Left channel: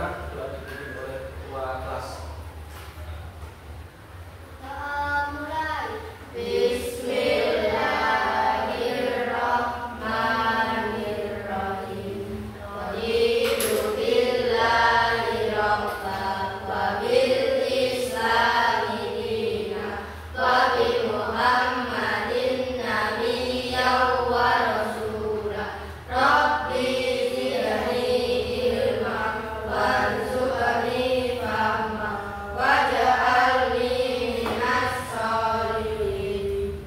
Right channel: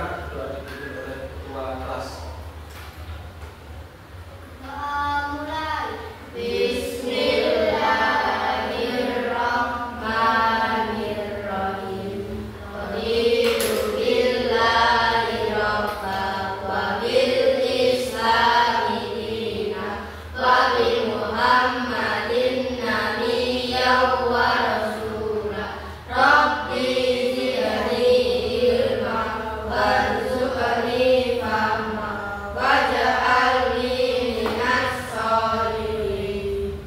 Silakan doa dipimpin oleh ketua kelas. Mulai. Bismillahirrahmanirrahim. Raditu billahi rabba wa bil islami dina wa bi Muhammadin nabiyyan wa rasula. Rabbi zidni ilma warzuqni fahma waj'alni minas sholihin.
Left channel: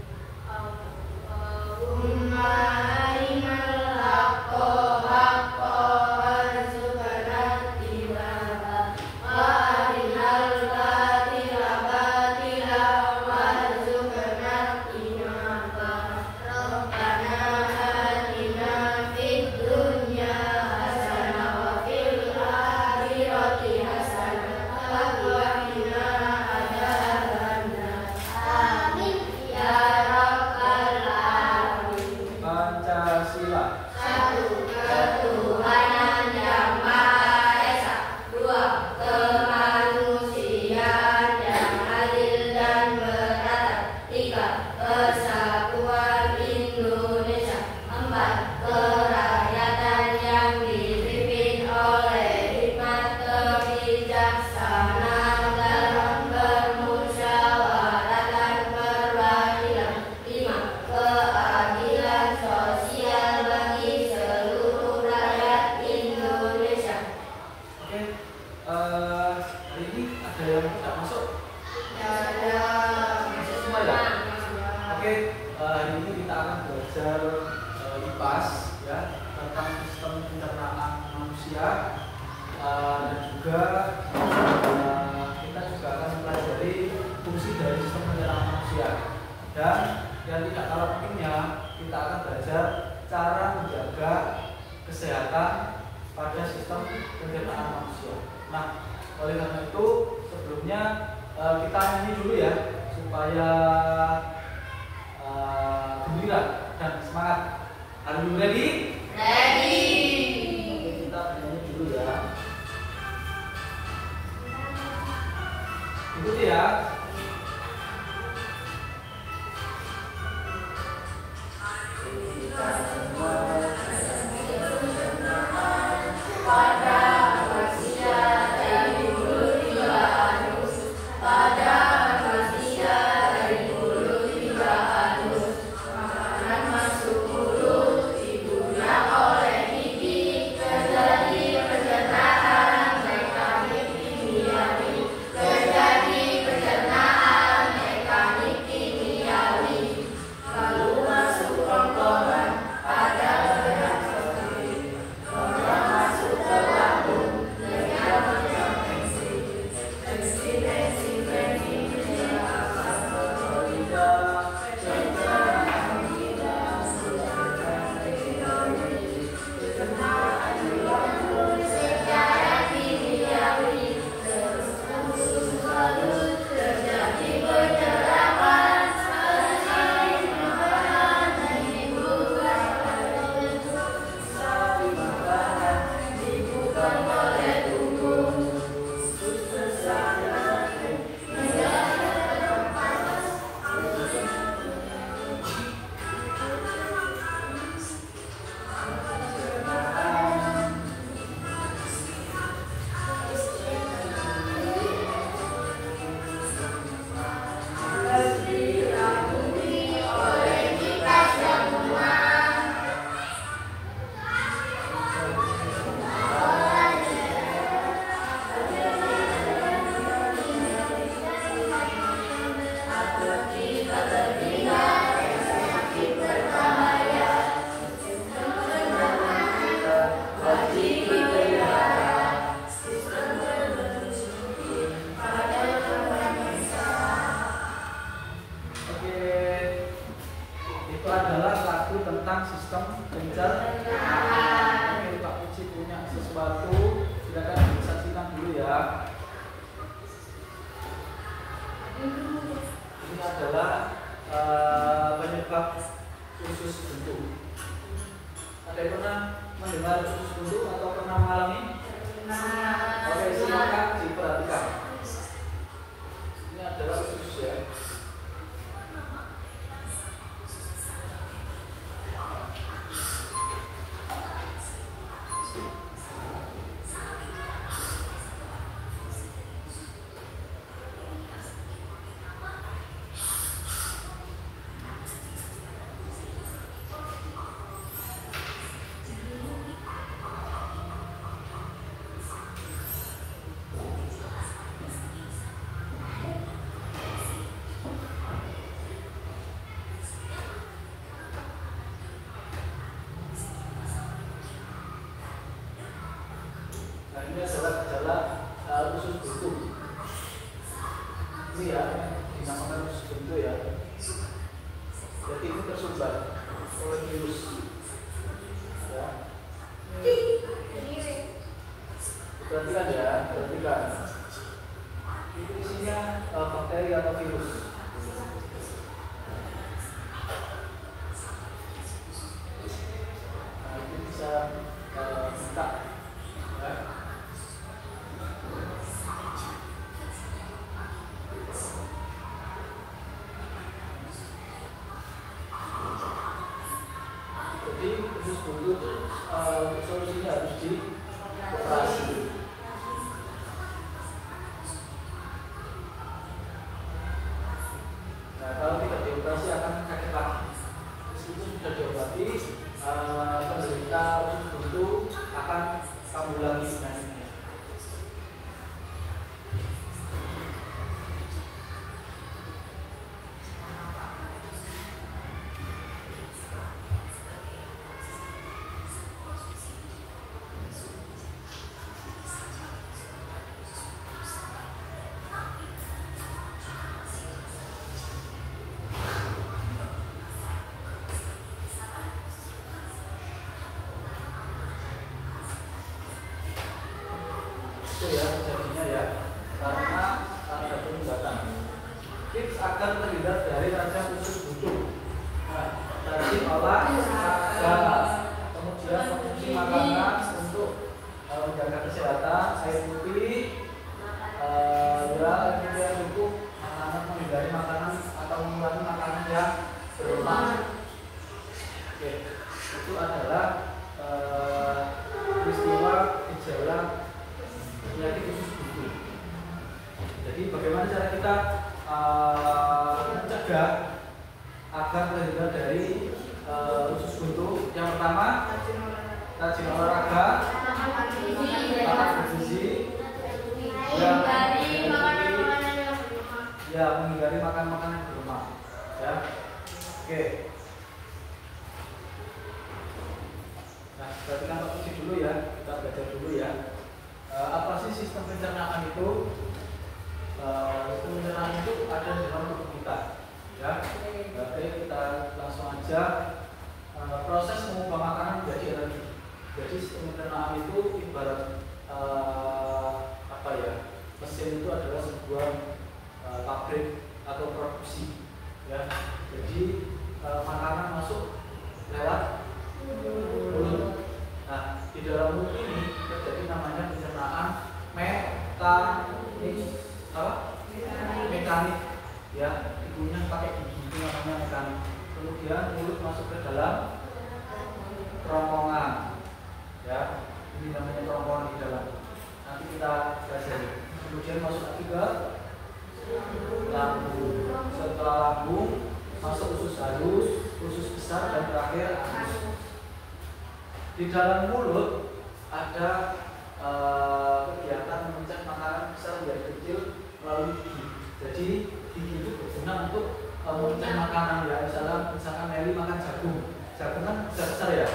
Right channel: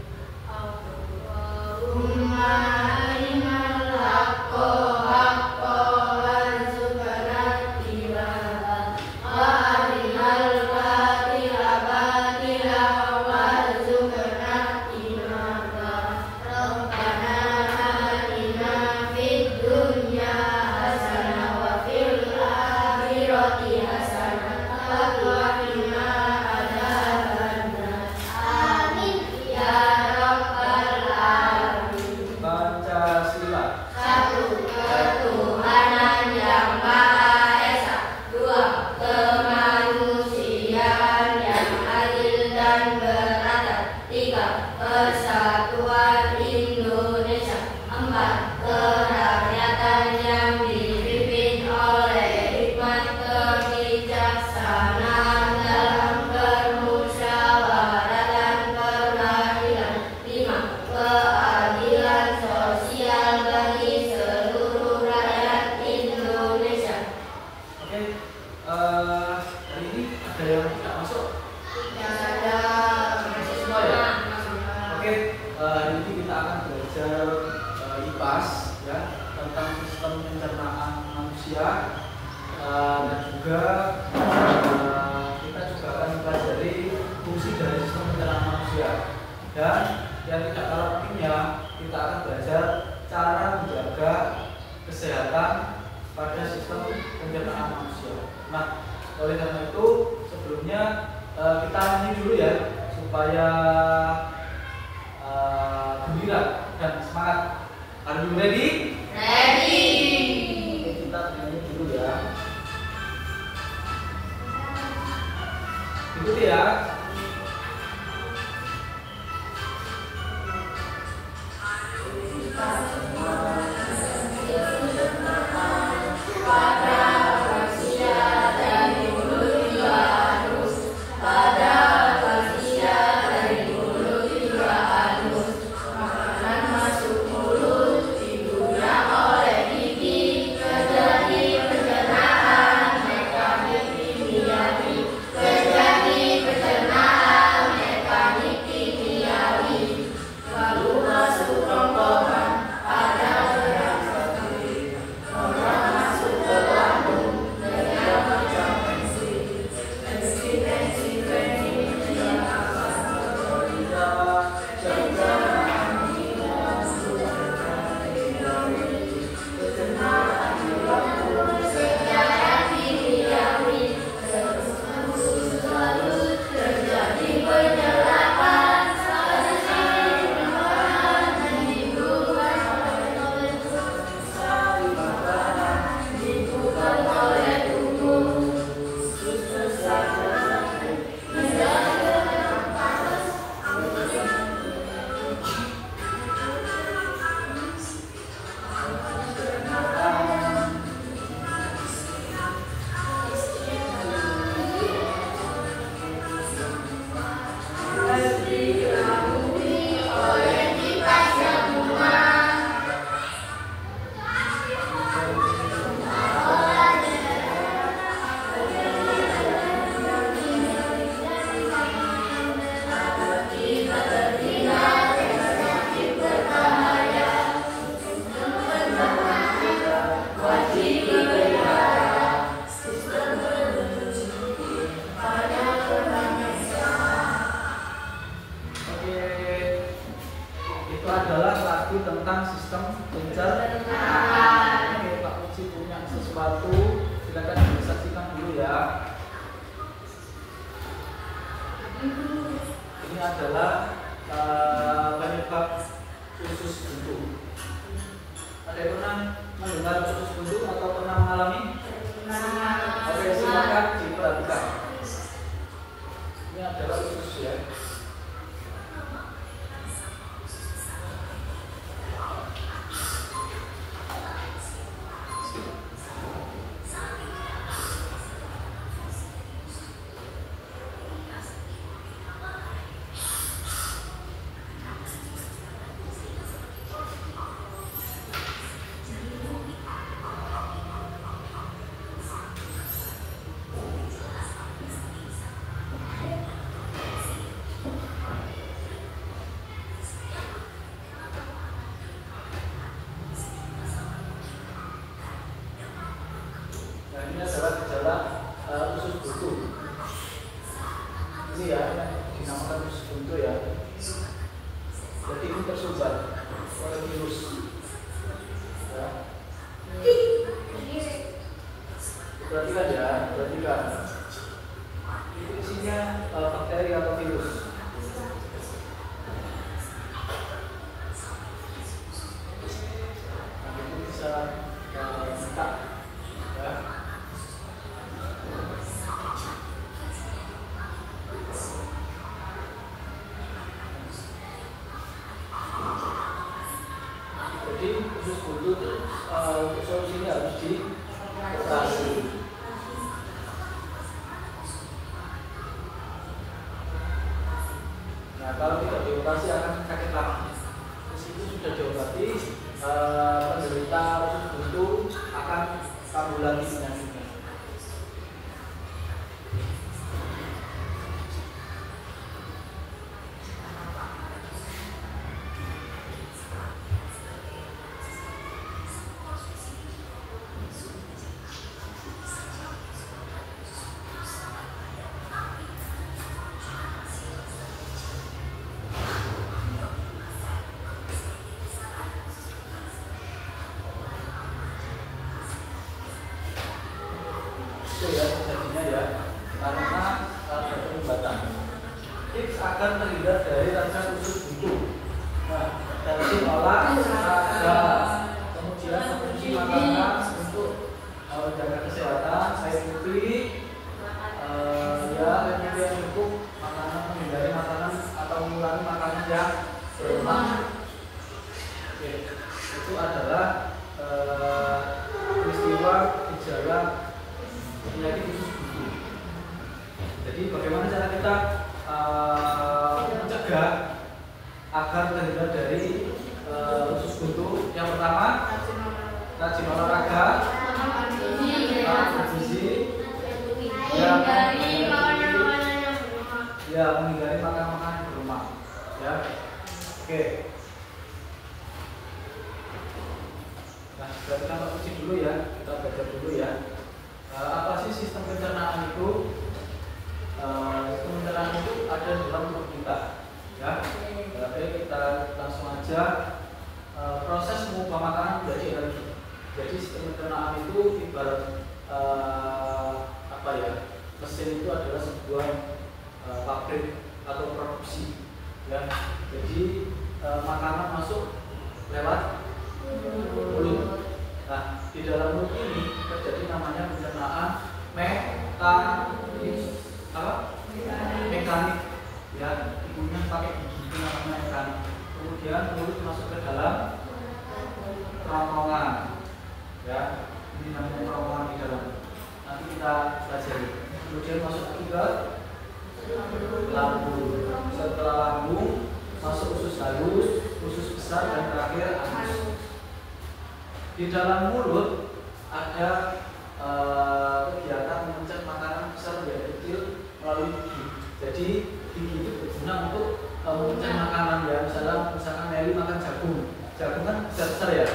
Allahumma arinal haqqa haqqan warzuqna ittiba'ah wa arinal batila batilan warzuqna ijtinabah. Rabbana atina fid dunya hasanah wa fil akhirati hasanah wa qina adzabannar. Amin ya rabbal alamin. Pancasila. Satu, ketuhanan yang Maha Esa. Dua, kemanusiaan yang adil dan beradab. Tiga, persatuan Indonesia. Empat, kerakyatan yang dipimpin oleh hikmat kebijaksanaan dalam bermusyawarah dan perwakilan. Lima, keadilan sosial bagi seluruh rakyat Indonesia. Oke, hari ini ada yang tidak masuk? Tidak ada. Masuk semua ya? Oke, hari ini kita akan belajar IPAS ya, tentang sistem pencernaan manusia, dan juga kita juga akan mempelajari fungsi dari sistem pencernaan manusia. Dan yang tidak kalah pentingnya, kita akan belajar cara menjaga kesehatan pada sistem pencernaan manusia. Nah, oleh karena itu sebelumnya kita nyanyi dulu ya, supaya gembira dan semangat. Are you ready? Ready. Oke, kita nyanyi dulu ya. Ikuti ya. tentang sistem pencernaan. Oke, Pak Puji punya sesuatu, silakan disaksikan dulu ya. Ini adalah penyebab usus buntu. Ada yang pernah mendengar usus buntu atau pernah mengalami? Pernah. Perhatikan ya, perhatikan. Itu isinya bakteri atau virus. Nah, itu bisa minta ya. Jadi usus buntu itu solusinya harus dioperasi. Nah, kalau tidak dioperasi akan sakit lagi. Terus itu sudah diobati, penderita usus buntu akan kambuh lagi penyakitnya. Itu ya terjadinya ya karena keterlibatan. Tips agar terhindar dari radang usus buntu. Nah, dari olahraga, kemudian konsumsi makanan untuk menjaga kesehatan, air putih, ya air putih yang cukup, makanan menghindari makanan atau mengurangi makanan yang berlemak. Oke, itu adalah peristiwa gejala penyakit usus buntu. Jadi bagaimana cara kita mencegah agar terhindar dari usus buntu? Yang pertama, rajin olahraga, makan bergizi, menghindari makan makanan berlemak. Ya, oke. Nah, berarti kan kita dulu ya, kita belajar dulu ya. Apa sih sistem pencernaan itu? Sistem pencernaan itu ada di dalam tubuh kita, ya. Oke, kita langsung aja. Proses mengubah makanan menjadi energi. Jadi sistem pencernaan itu ibarat apa ya? Mesin itu adalah sebuah pabrik atau produksi, ya. Jadi makanan masuk lewat mulut. Nah, di dalam mulut ini terjadi namanya pencernaan mekanik, ya, ibunya pakai gigi, itu namanya mekanik. Kemudian mulut masuk ke dalam kerongkongan, ya, ini namanya kerongkongan di dalam. Nanti kita pelajari. Kemudian masuk lagi ke lambung. Setelah lambung masuk usus halus, usus besar, dan terakhir anus. Di dalam mulut ada kegiatan mencet makanan besar menjadi kecil melalui gigi. Jadi gigi itu berguna untuk mencet makanan, ya. Misalkan Meli makan jagung kan besar ya.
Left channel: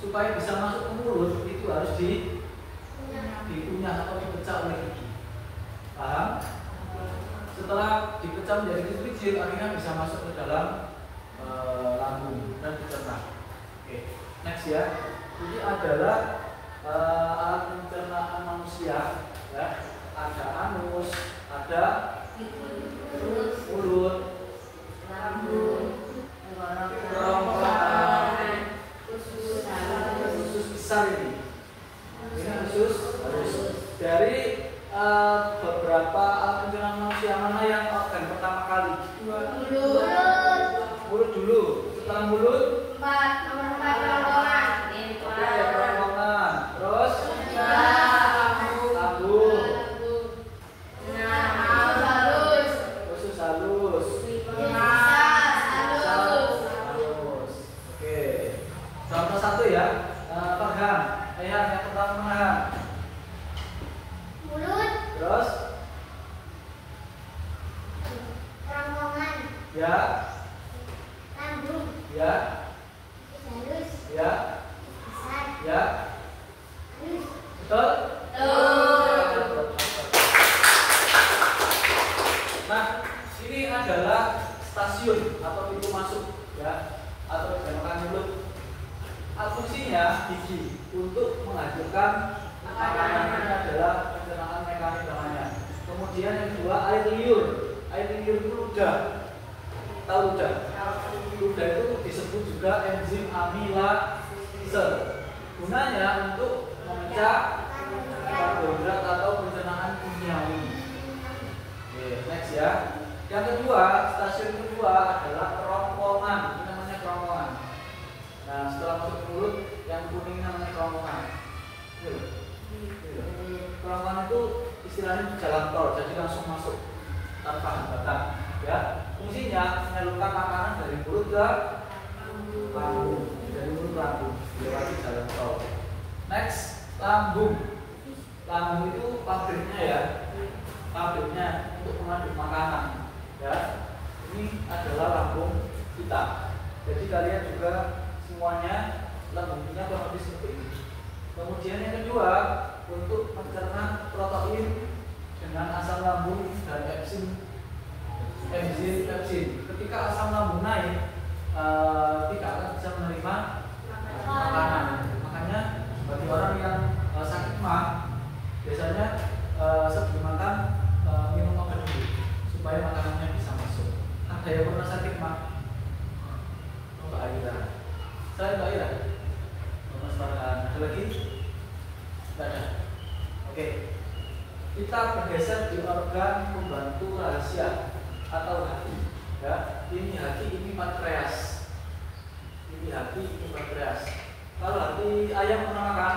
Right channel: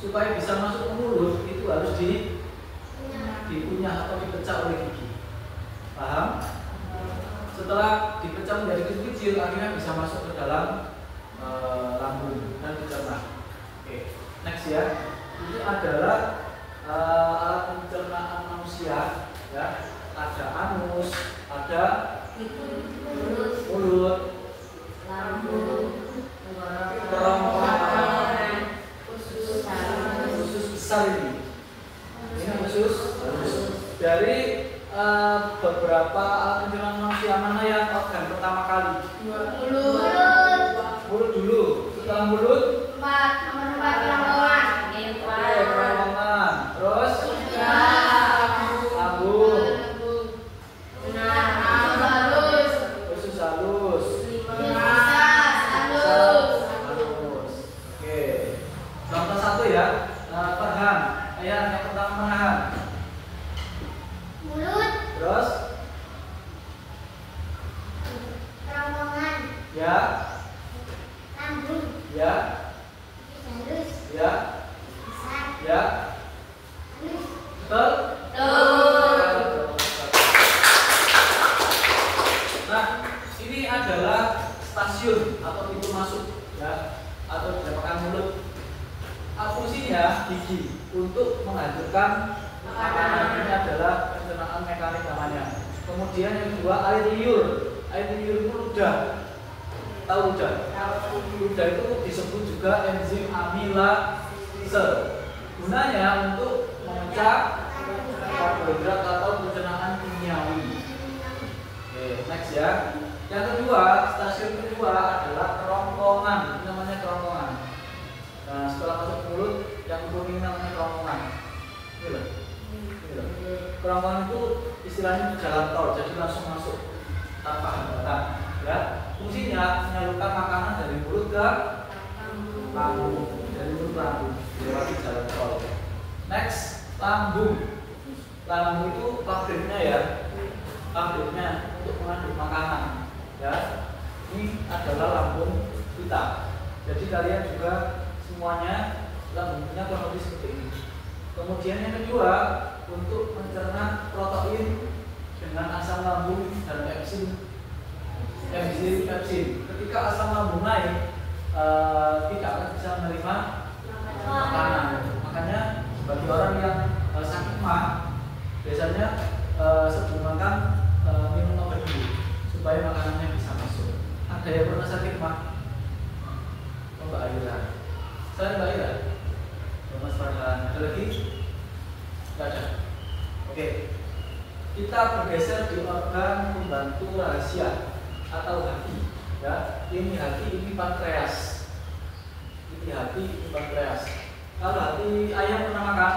Supaya bisa masuk ke mulut itu harus dikunyah atau dipecah oleh gigi. Paham? Setelah dipecah menjadi kecil-kecil, akhirnya bisa masuk ke dalam lambung dan dicerna. Oke, next ya. Ini adalah alat pencernaan manusia, ya. Ada anus, ada mulut, lambung, kerongkongan, usus besar ini. Ini usus. Dari beberapa alat pencernaan manusia, mana yang organ pertama kali? Mulut dulu. Setelah mulut, kerongkongan. Terus lambung, usus halus, Oke. Contoh satu ya, Farhan. Ayah yang pertama mana? Mulut. Terus Kerongkongan. ya, Lambung. ya, Halus. ya, Besar. ya. Halus. Betul? Nah, ini adalah stasiun atau pintu masuk, ya, atau dinamakan mulut. Fungsinya gigi untuk menghancurkan makanan. Ini adalah Kemudian yang kedua air liur. Air liur itu ludah. Tahu ludah? Ludah itu disebut juga enzim amilase. Gunanya untuk memecah karbohidrat atau pencernaan kimiawi. Oke, next ya. Yang kedua, stasiun kedua adalah kerongkongan. Ini namanya kerongkongan. Nah, setelah masuk ke mulut, yang kuning namanya kerongkongan. Ini loh. Kerongkongan itu istilahnya di jalan tol, jadi langsung masuk tanpa hambatan. Ya, fungsinya menyalurkan makanan dari mulut ke lambung, dari mulut ke lambung, lewati jalan tol. Next, lambung. Lambung itu pabriknya ya, pabriknya untuk mengaduk makanan. Ya, ini adalah lambung kita. Jadi kalian juga semuanya lambungnya kurang lebih seperti ini. Kemudian yang kedua, untuk mencerna protein dengan asam lambung dan enzim pepsin. Ketika asam lambung naik, tidak akan bisa menerima makanan. Makanya bagi orang yang sakit mah, biasanya sebelum makan minum obat dulu supaya makanannya bisa masuk. Ada yang pernah sakit mah? Oh, Mbak Aira. Selain Mbak Aira, Mas Farhan, ada lagi? Tidak ada. Oke, kita bergeser di organ pembantu rahasia atau hati. Ya, ini hati, ini pankreas. Ini hati, ini pankreas. Kalau hati ayam pernah makan?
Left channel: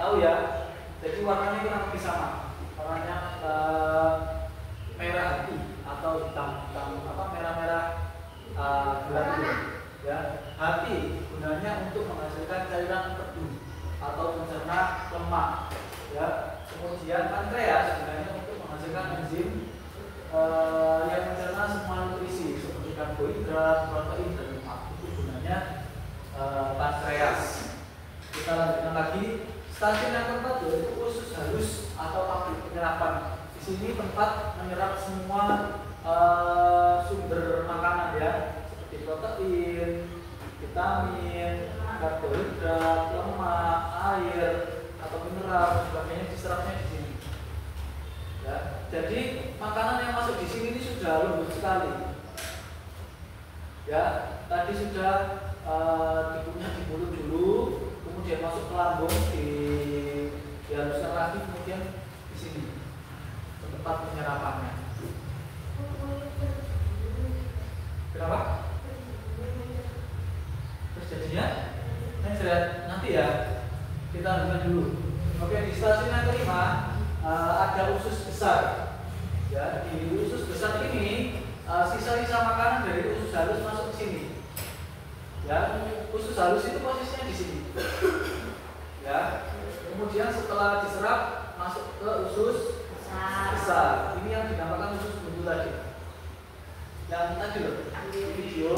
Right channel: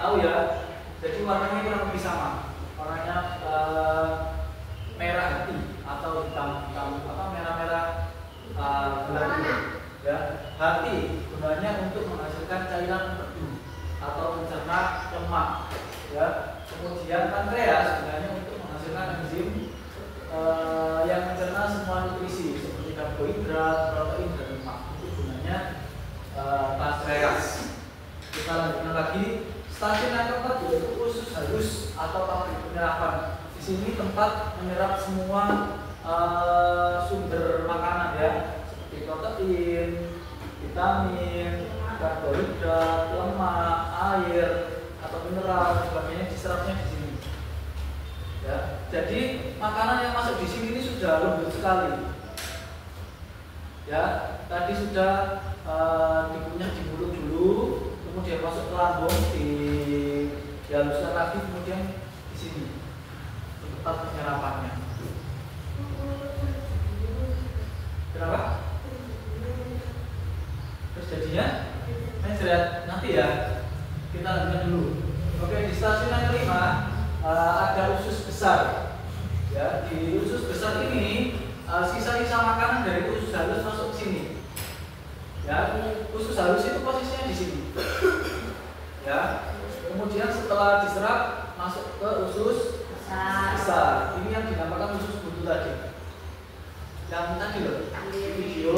Tahu ya. Jadi warnanya kurang lebih sama. Warnanya merah hati atau hitam apa merah-merah gelap gitu. Ya, hati gunanya untuk menghasilkan cairan empedu atau mencerna lemak. Ya, kemudian pankreas gunanya untuk menghasilkan enzim yang mencerna semua nutrisi seperti karbohidrat, protein dan lemak. Itu gunanya pankreas. Kita lanjutkan lagi. Stasiun yang keempat yaitu usus halus atau pabrik penyerapan. Di sini tempat menyerap semua sumber makanan ya, seperti protein, vitamin, karbohidrat, lemak, air atau mineral dan sebagainya diserapnya di sini. Ya, jadi makanan yang masuk di sini ini sudah lembut sekali. Ya, tadi sudah dikunyah di mulut dulu, kemudian masuk ke lambung, dihaluskan lagi, kemudian di sini tempat penyerapannya. Kenapa? Terjadinya nanti ya, kita lihat dulu. Oke, di stasiun yang kelima ada usus besar. Ya, di usus besar ini sisa-sisa makanan dari usus halus masuk ke sini. Ya, usus halus itu posisinya di sini. Ya, kemudian setelah diserap masuk ke usus besar. Ini yang dinamakan usus buntu tadi. Yang tadi loh, di video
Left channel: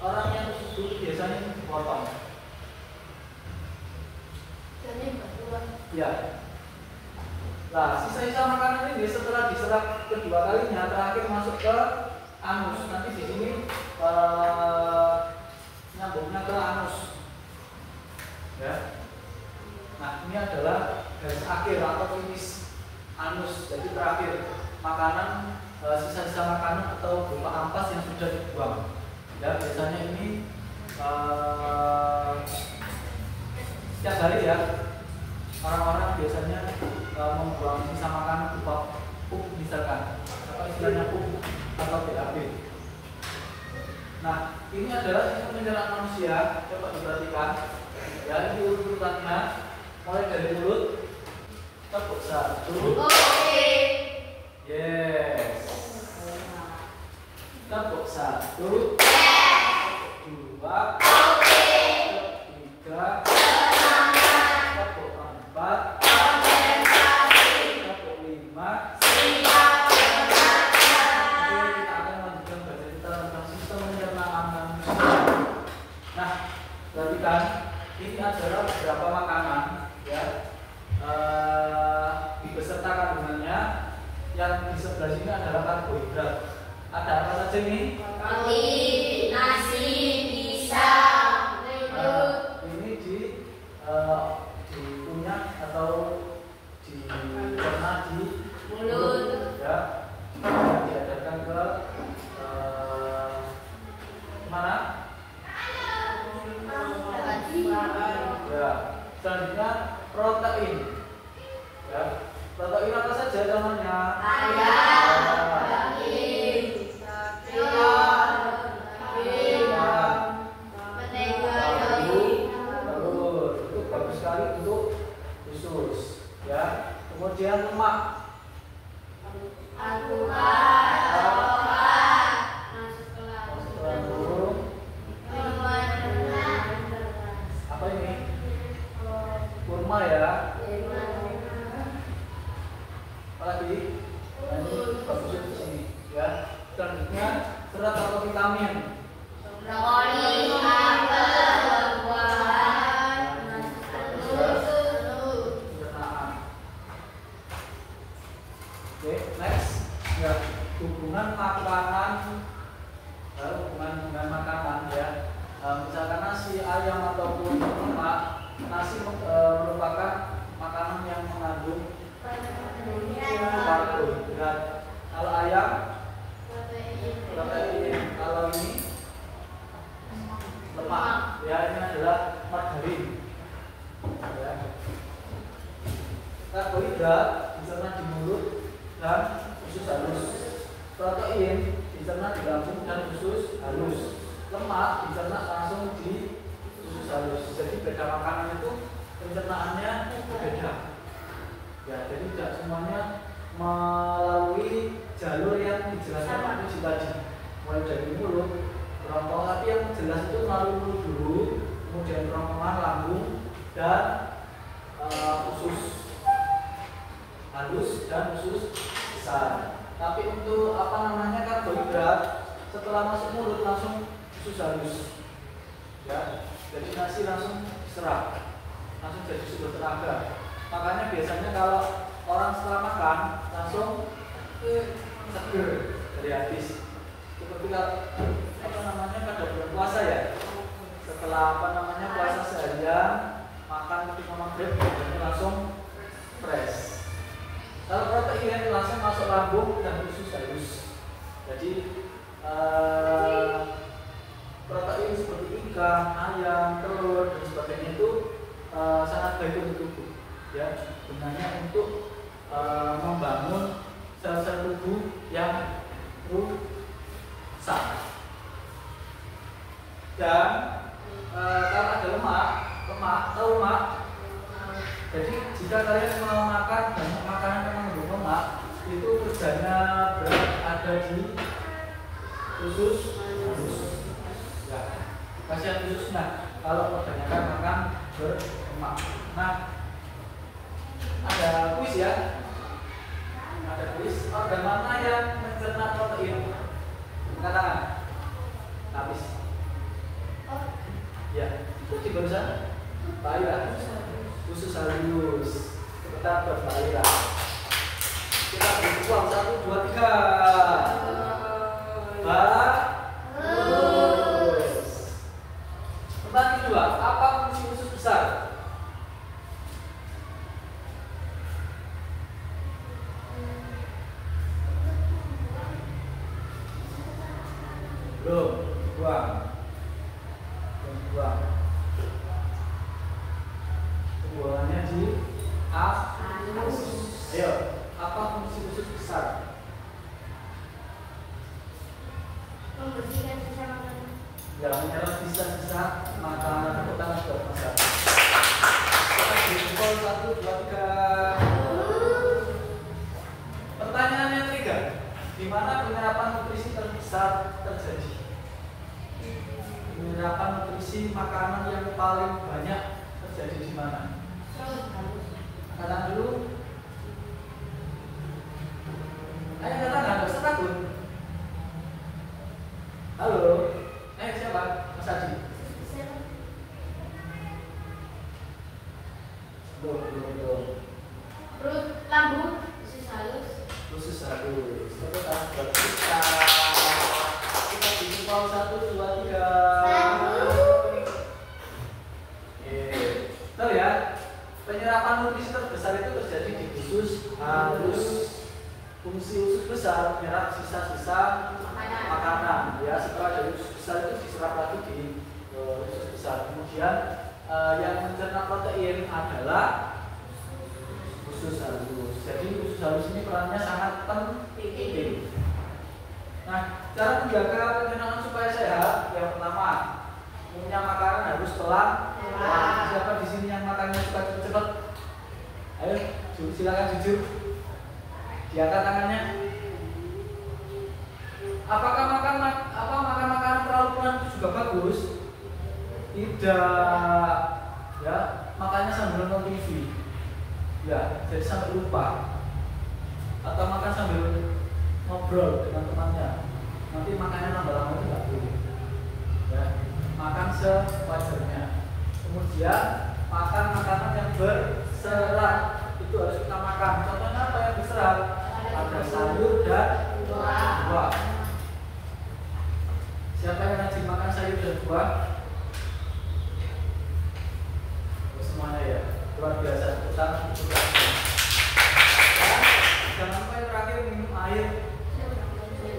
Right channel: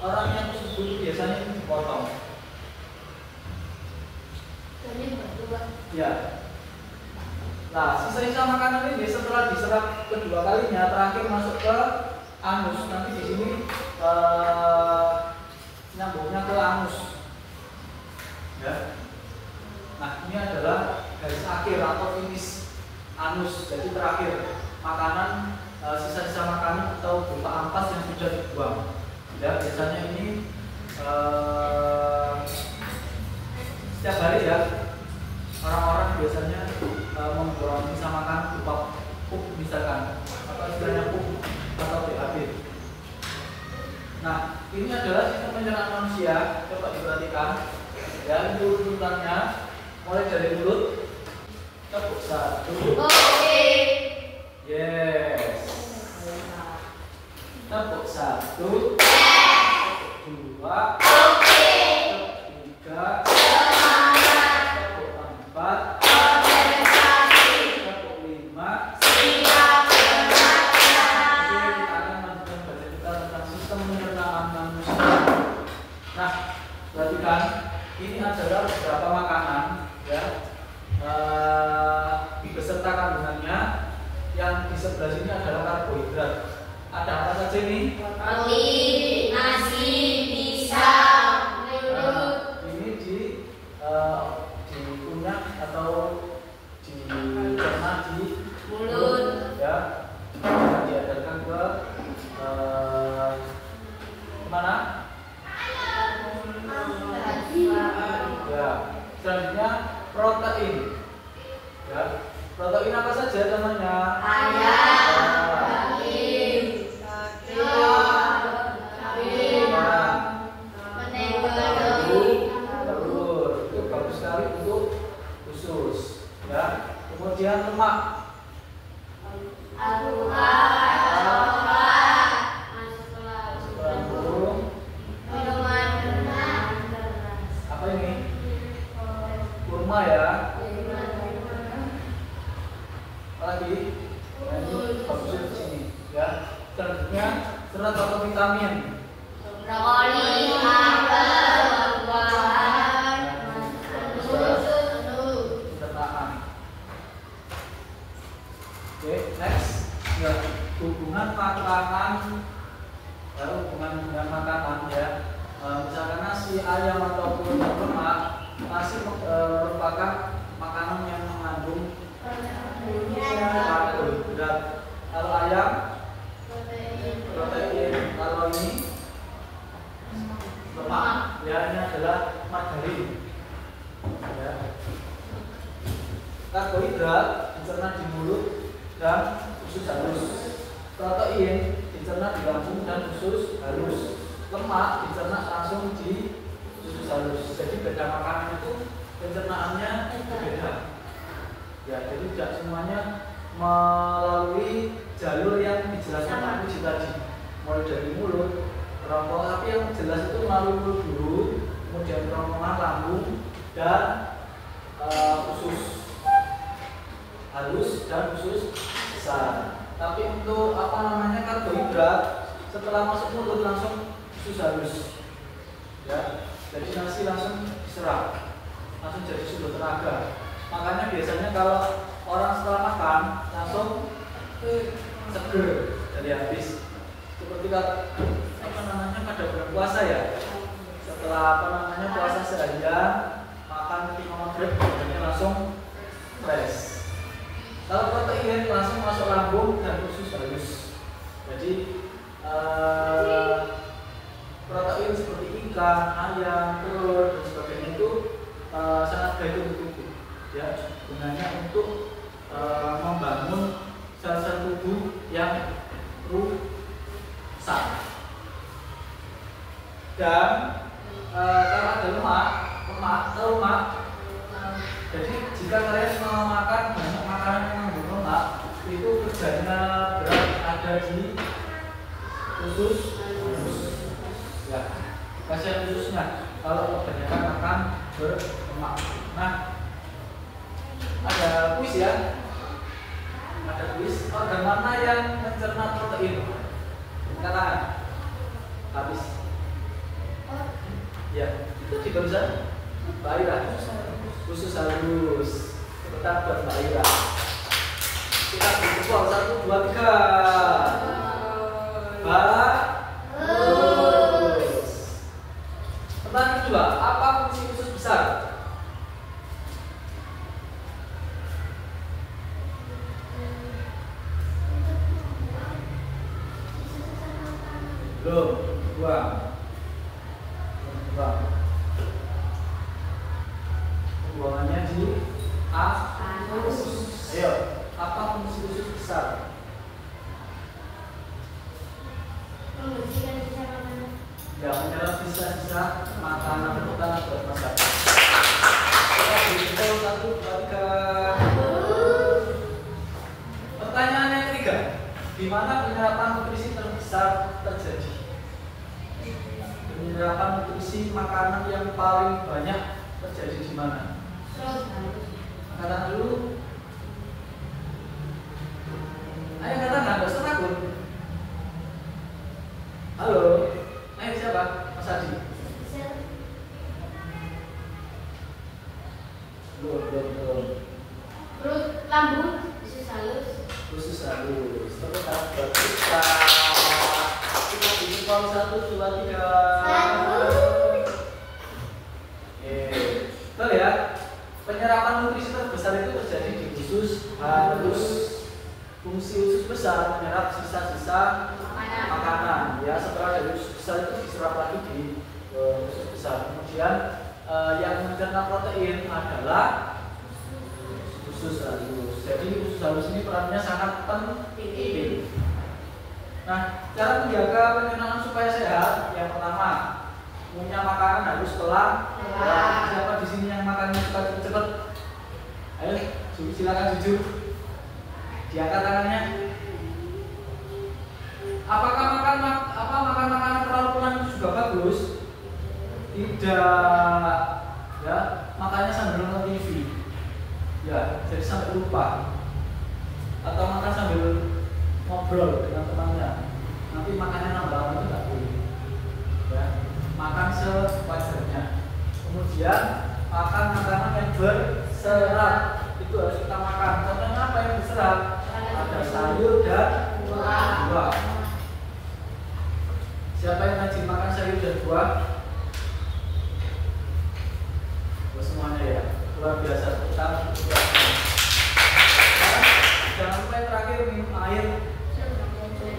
orang yang usus buntu biasanya ini dipotong. Ya. Nah, sisa-sisa makanan ini setelah diserap kedua kalinya terakhir masuk ke anus. Nanti di sini nyambungnya ke anus. Ya. Nah, ini adalah garis akhir atau finish anus. Jadi terakhir makanan, sisa-sisa makanan atau berupa ampas yang sudah dibuang. Ya, biasanya ini setiap hari ya, orang-orang biasanya membuang sisa makanan berupa pup misalkan, apa istilahnya pup atau BAB. Nah, ini adalah sistem pencernaan manusia. Coba diperhatikan. Ya, ini urutannya mulai dari mulut, tepuk satu. Yes. Tepuk satu. Dua. Tiga. Tepuk empat. Tepuk lima. Perhatikan, ini adalah beberapa makanan ya, dibesertakan dengan protein. Ya, protein apa saja namanya? Ayam, daging, telur, telur itu bagus sekali untuk usus. Ya, kemudian lemak. Apa ini? Kurma ya. Lagi, ini bagus di sini. Ya, selanjutnya serat atau vitamin. brokoli, apel, buah-buahan, susu. Oke, next. Ya, hubungan makanan. Lalu hubungan dengan makanan ya. Misalkan nasi, ayam ataupun lemak, nasi merupakan makanan yang mengandung karbohidrat. Kalau ayam protein, kalau ini lemak. Ya, ini adalah margarin. Ya. Karbohidrat dicerna di mulut dan usus halus. Protein dicerna di lambung dan usus halus. Lemak dicerna langsung di usus halus. Jadi beda makanan itu pencernaannya berbeda. Ya, jadi tidak semuanya melalui jalur yang dijelaskan Pak Puji tadi. Mulai dari mulut, kerongkongan, tapi yang jelas itu melalui mulut dulu, kemudian kerongkongan, lambung, dan usus halus dan usus besar. Tapi untuk karbohidrat setelah masuk mulut langsung usus halus. Ya, jadi nasi langsung diserap, langsung jadi sumber tenaga. Makanya biasanya kalau orang setelah makan langsung seger dari habis. Seperti pada bulan puasa ya. Setelah puasa seharian, makan ketika maghrib, badannya langsung fresh. Kalau protein langsung masuk lambung dan usus halus. Jadi protein seperti ikan, ayam, telur dan sebagainya itu sangat baik untuk tubuh. Ya, gunanya untuk membangun sel-sel tubuh yang rusak. Dan karena ada lemak, jadi jika kalian mau makan banyak makanan yang mengandung lemak, itu kerjanya berat ada di usus halus. Ya, kasihan ususnya kalau kebanyakan makan berlemak. Nah, ada kuis ya. Ada kuis. Organ mana yang mencerna protein? Angkat tangan. Habis. Ya, itu di barusan. Mbak Ira. Usus halus. Kita buat Mbak Ira. Kita beri uang 1, 2, 3. Bagus. Pertanyaan kedua, apa fungsi usus besar? Belum, buang. Pembuangannya di anus. Ayo, apa fungsi usus besar? Membersihkan sisa makanan. Ya, menyerap sisa-sisa makanan. Tepuk tangan buat Mas Adi. Kita beri jempol 1, 2, 3. Pertanyaan yang ketiga, di mana penyerapan nutrisi terbesar terjadi? Penyerapan nutrisi makanan yang paling banyak terjadi di mana? Angkat dulu. Ayo katakan, nggak usah takut. Halo, ayo siapa? Mas Adi. Belum. Perut, lambung, usus halus. Usus halus. Tepuk tangan buat kita. Kita bikin pau 1, 2, 3. Tahu ya? Penyerapan nutrisi terbesar itu terjadi di usus halus. Fungsi usus besar menyerap sisa-sisa makanan. Ya, setelah dari usus besar itu diserap lagi di usus besar. Kemudian yang mencerna protein adalah usus halus ini perannya sangat penting. Nah, cara menjaga pencernaan supaya sehat, yang pertama, punya makanan harus pelan. Siapa di sini yang makannya suka cepet-cepet? Ayo, silakan jujur. Diangkat tangannya. Apakah makan makanan terlalu pelan itu juga bagus? Tidak. Ya, makannya sambil nonton TV. Ya, jadi sampai lupa. Atau makan sambil ngobrol dengan temannya. Nanti makannya lama-lama itu nggak boleh. Ya, makan sewajarnya. Kemudian makan makanan yang berserat, itu harus kita makan. Contohnya apa yang berserat? Ada sayur dan buah. Siapa yang rajin makan sayur dan buah? Semuanya ya, luar biasa. Dan jangan lupa yang terakhir, minum air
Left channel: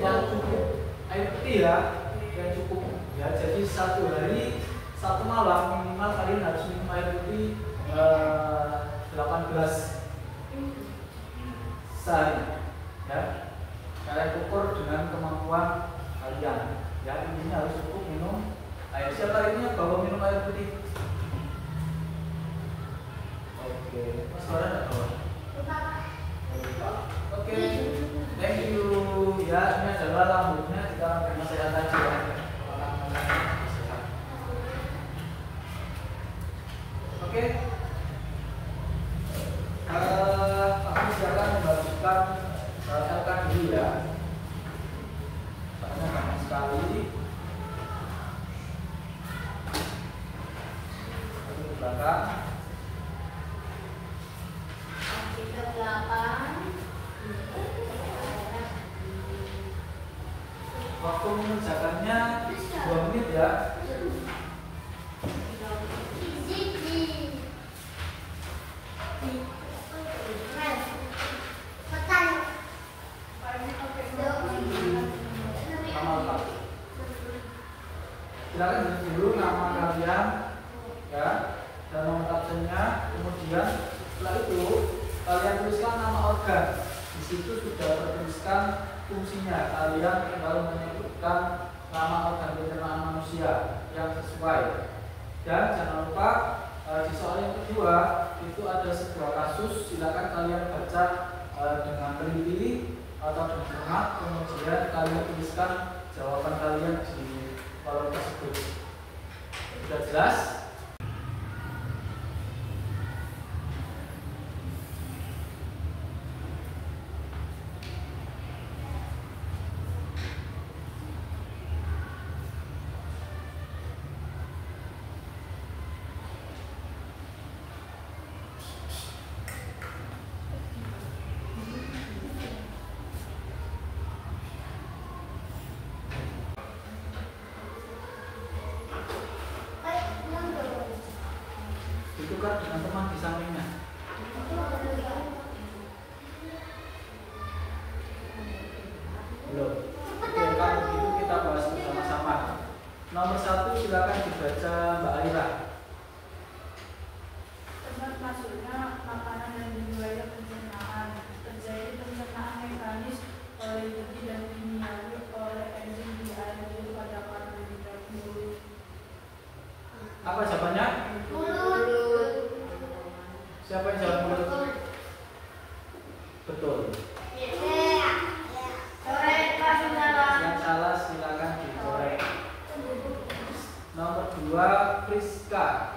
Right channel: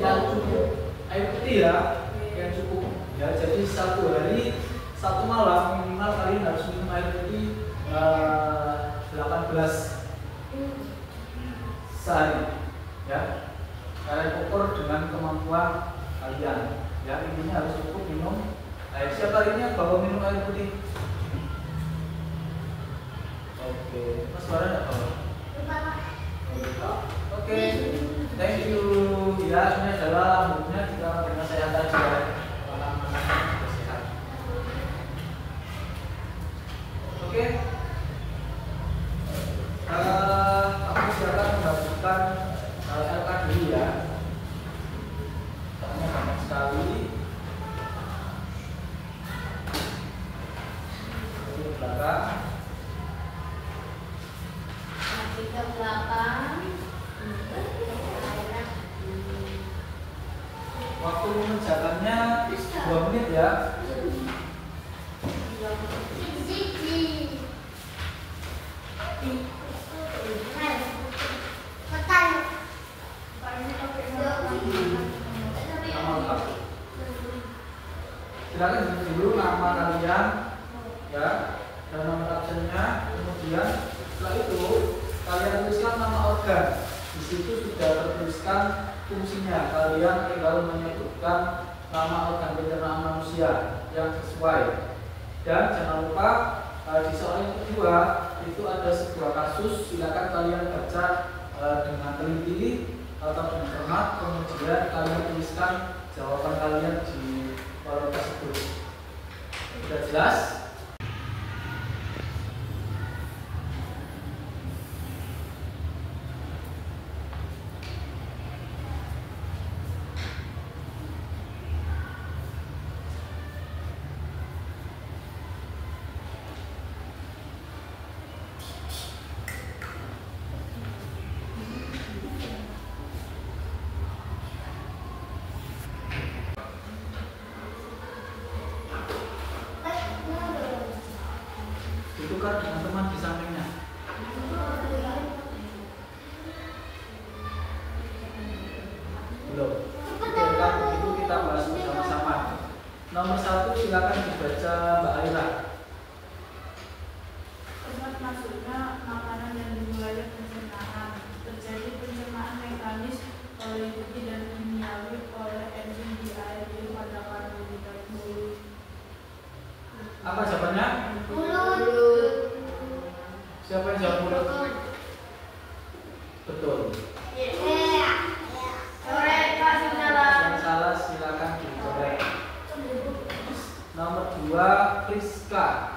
yang cukup, air putih ya, yang cukup ya. Jadi satu hari, satu malam minimal kalian harus minum air putih 18 sehari ya. Kalian ukur dengan kemampuan kalian ya, intinya harus cukup minum air. Siapa ini bawa minum air putih? Oke, Mas Farah enggak bawa? Oke, thank you. Ya, ini adalah lambungnya jika dengan sehat aja ya. Sehat. Oke. Aku silakan membagikan LK dulu ya. Karena banyak sekali. Di belakang. Ke belakang. Waktu mengerjakannya 2 menit ya. Nama lengkap. Silakan dulu nama kalian ya, dan nama absennya. Kemudian setelah itu kalian tuliskan nama organ. Di situ sudah tertuliskan fungsinya. Kalian tinggal menyebutkan nama organ pencernaan manusia yang sesuai. Dan jangan lupa di soal yang kedua itu ada sebuah kasus. Silakan kalian baca dengan teliti atau dengan cermat. Kemudian kalian tuliskan jawaban kalian di kolom tersebut. Sudah jelas? Ditukar dengan teman di sampingnya. Belum. Oke, kalau begitu kita bahas bersama-sama. Nomor 1 silakan dibaca Mbak Aira. Tempat masuknya makanan dan wilayah pencernaan. Terjadi pencernaan mekanis oleh biji dan kimiawi oleh enzim di air liur pada kandungan mulut. Apa jawabannya? Mulut. Siapa yang jawab mulut? Betul. Yang salah silakan dikorek. Nomor 2 Priska.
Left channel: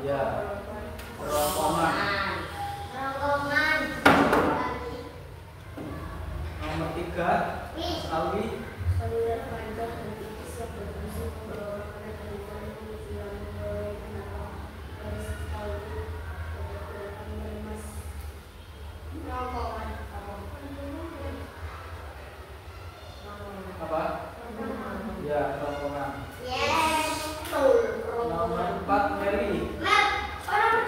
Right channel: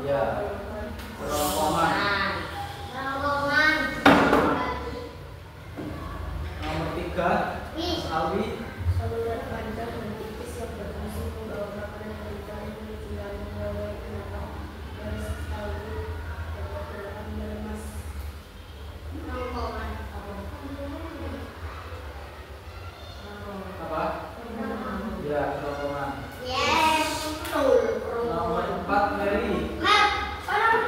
Ya, kerongkongan. Nomor 3 Alwi. Saluran panjang dan tipis yang berfungsi membawa makanan dari paling menuju lambung melalui kenapa garis alur bergerak melemas. Kerongkongan Apa? Ya, kerongkongan. Yes, betul. Nomor 4 Mary. Mat, orang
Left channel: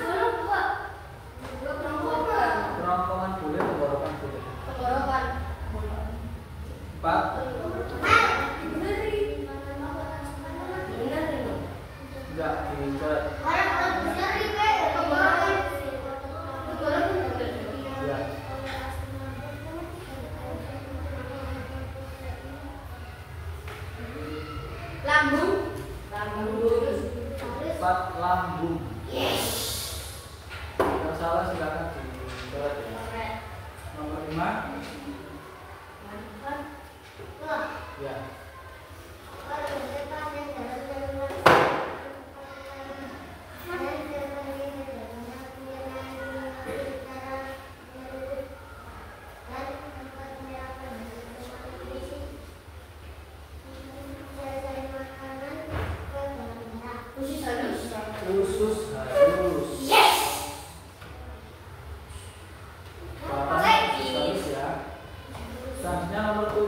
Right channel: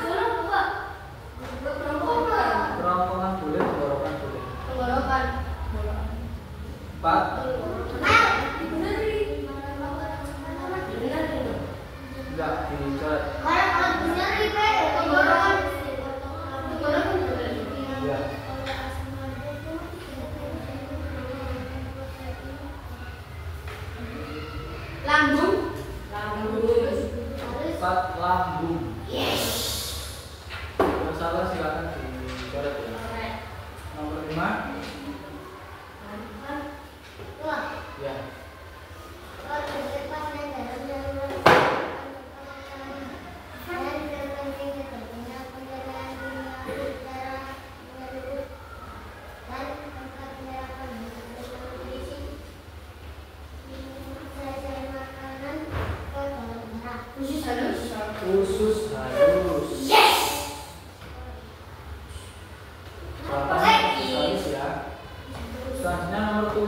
Ya. Lambung. Empat lambung. Yang salah silakan dicoret ya. Nomor 5. Ya. Usus halus. Jawabannya usus halus ya. Selanjutnya nomor 6.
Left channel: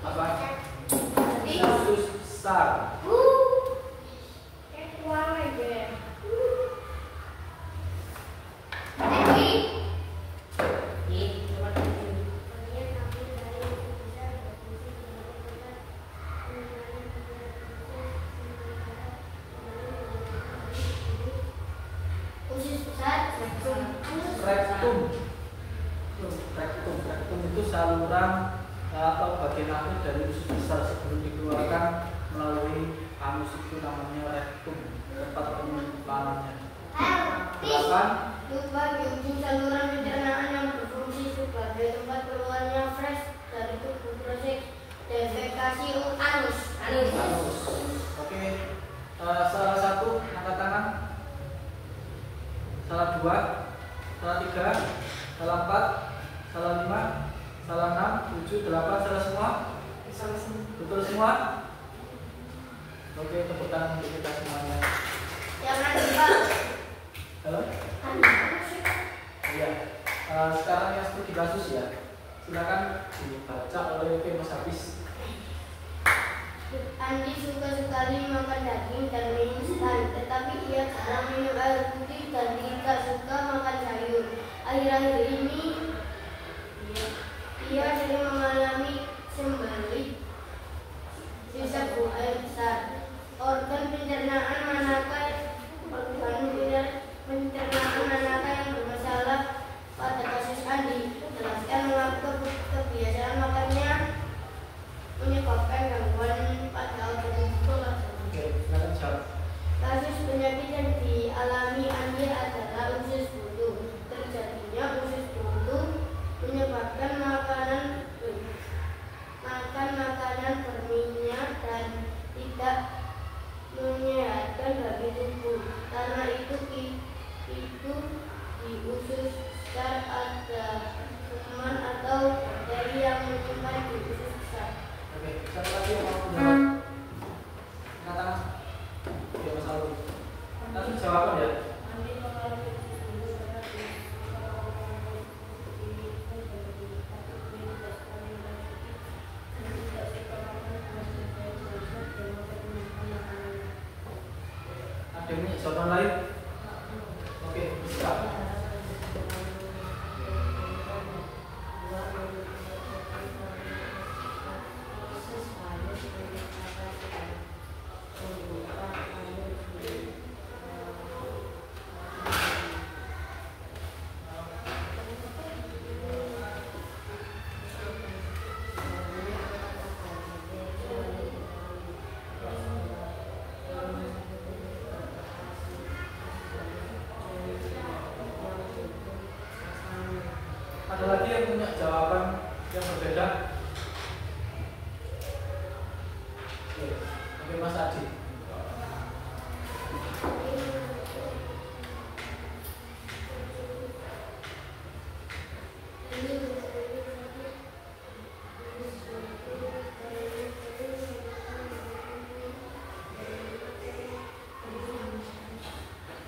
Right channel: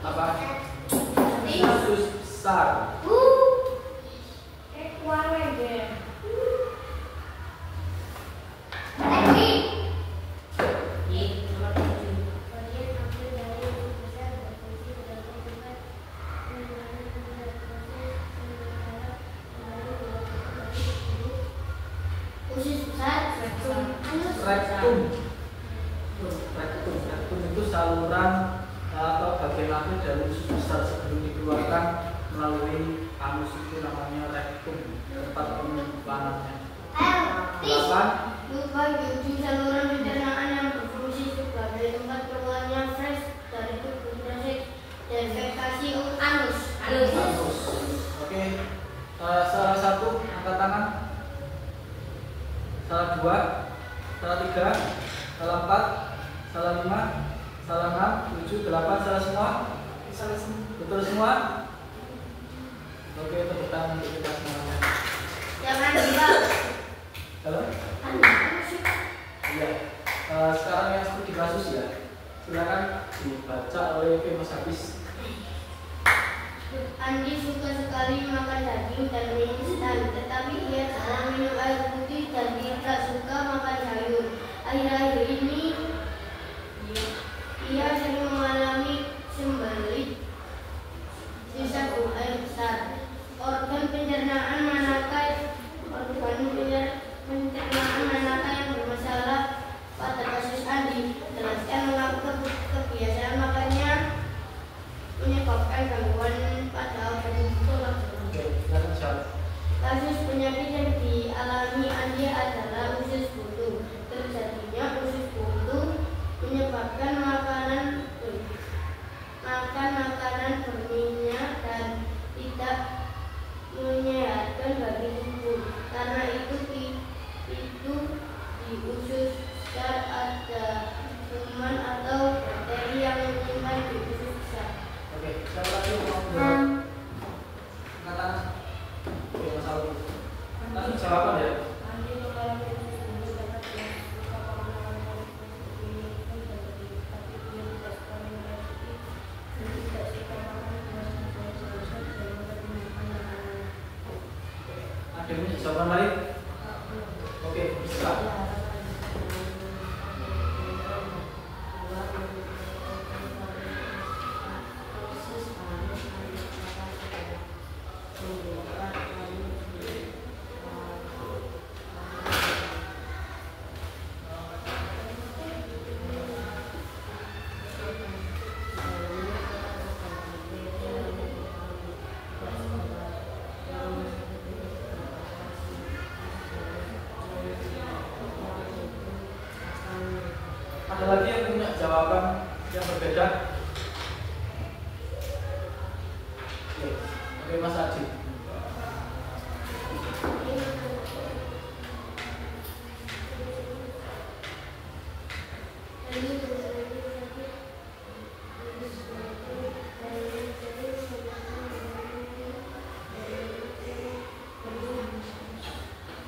Apa? Usus besar. Rektum. Rektum itu saluran atau bagian akhir dari usus besar sebelum dikeluarkan melalui anus, itu namanya rektum, tempat penyimpanannya. 8. Saluran pencernaan yang berfungsi sebagai tempat keluarnya fresh dari tubuh proses defekasi anus. Oke. Salah 1 angkat tangan. Salah 2, salah 3, salah 4, salah 5, salah 6, 7, 8, salah semua? Betul semua? Oke, tepuk tangan untuk kita semuanya. Jangan lupa. Halo? Iya. Sekarang yang seperti kasus ya. Silakan dibaca oleh Mas Hafiz. Andi suka sekali makan daging dan mie instan, tetapi ia jarang minum air putih dan tidak suka makan sayur. Akhir-akhir ini ia sering mengalami sembelit sisa buang air besar. Organ pencernaan manakah yang bermasalah pada kasus Andi? Jelaskan mengapa kebiasaan makannya menyebabkan gangguan pada organ tulang. Kasus penyakit yang dialami Andi adalah usus buntu. Terjadinya usus buntu menyebabkan makan makanan berminyak dan tidak menyehatkan bagi tubuh. Karena itu di usus besar ada kuman atau bakteri yang menyimpan di usus besar. Oke, siapa lagi yang mau menjawab? Angkat tangan. Oke, Mas Alwi. Langsung jawaban ya. Ada yang punya jawaban lain? Oke, bisa. Ada lagi yang punya jawaban yang berbeda? Oke, Mas Adi.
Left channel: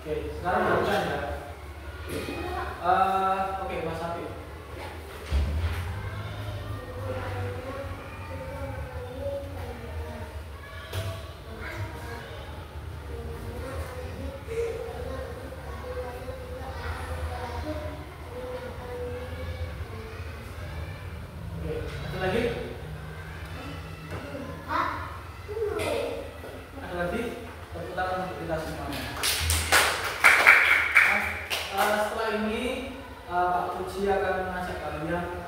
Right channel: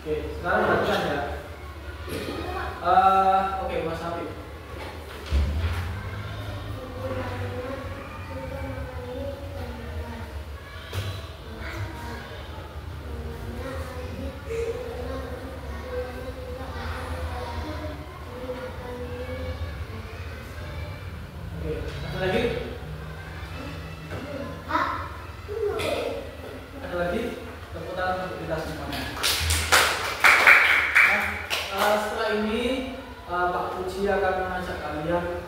Oke, sekarang bukan ya. Oke, Mas Habib. kita semuanya. Setelah ini Pak Puji akan mengajak kalian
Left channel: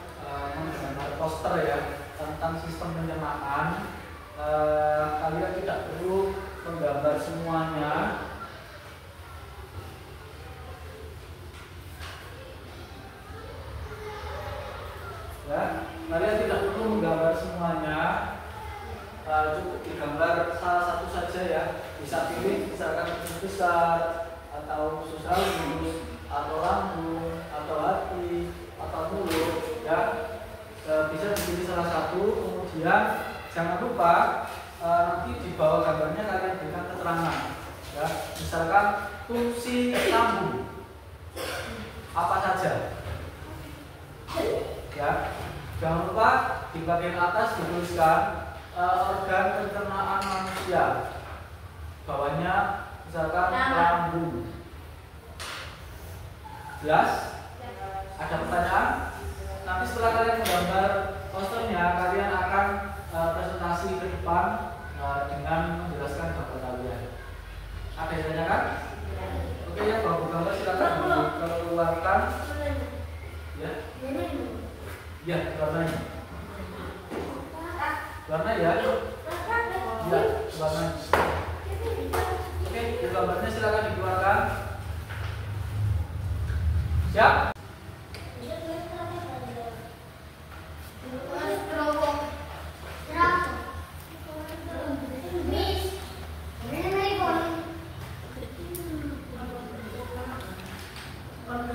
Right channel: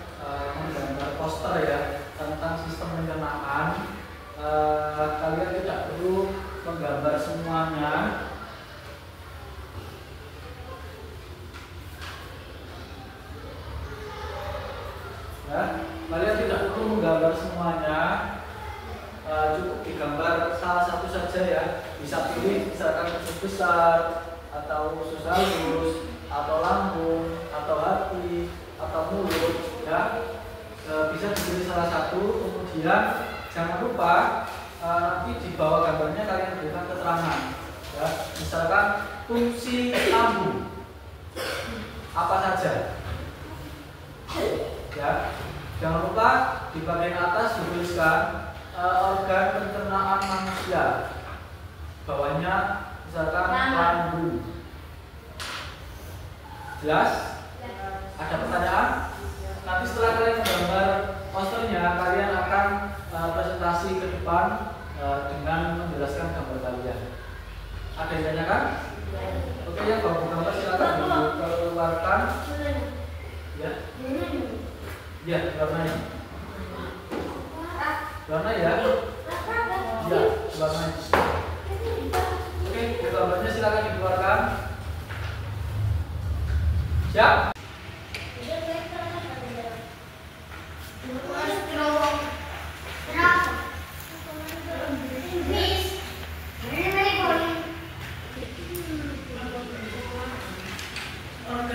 menggambar poster ya tentang sistem pencernaan. Kalian tidak perlu menggambar semuanya. Ya, kalian tidak perlu menggambar semuanya. Cukup digambar salah satu saja ya. Bisa pilih misalkan usus besar atau usus halus atau lambung atau hati atau mulut ya. Bisa dipilih salah satu. Kemudian jangan lupa nanti di bawah gambarnya kalian berikan keterangan ya. Misalkan fungsi lambung apa saja ya. Jangan lupa di bagian atas dituliskan organ pencernaan manusia. Bawahnya misalkan lambung. Jelas? Ada pertanyaan? Nanti setelah kalian menggambar posternya, kalian akan presentasi ke depan dengan menjelaskan gambar kalian. Ada yang tanyakan? Oke, yang baru gambar silakan dikeluarkan. Ya. Ya, warnanya. Warna ya? Ya, warnanya. Oke, gambarnya silakan dikeluarkan. Siap?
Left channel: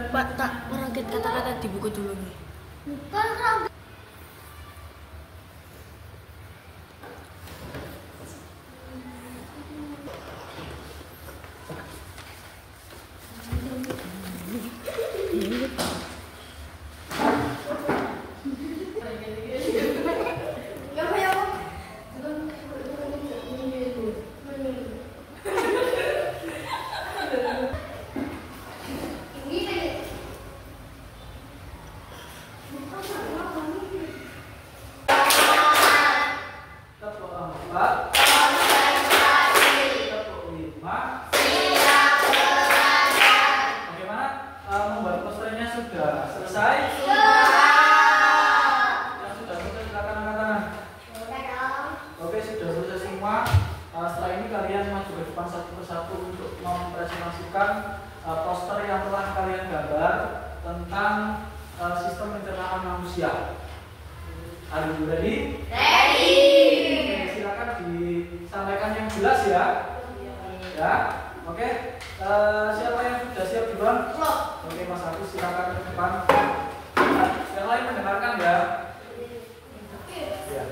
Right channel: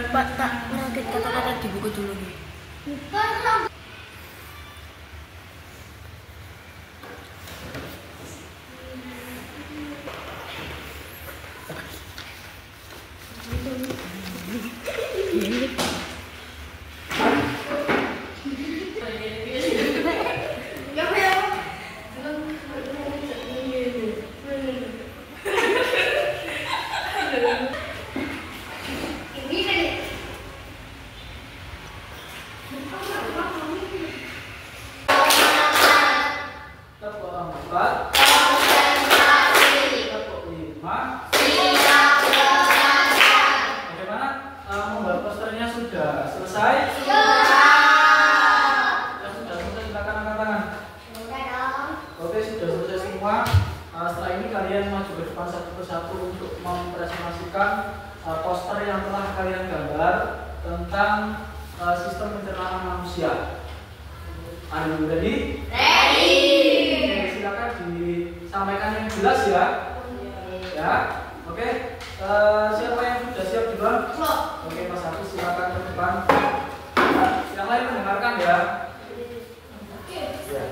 Pak, tak merangkit kata-kata di buku dulu nih. Poster yang telah kalian gambar tentang sistem pencernaan manusia. Are you ready? Ready. Oke, silakan disampaikan yang jelas ya. Ya, oke. Siapa yang sudah siap duluan? Oke, Mas Hafiz silakan ke depan. Yang lain mendengarkan ya. Ya.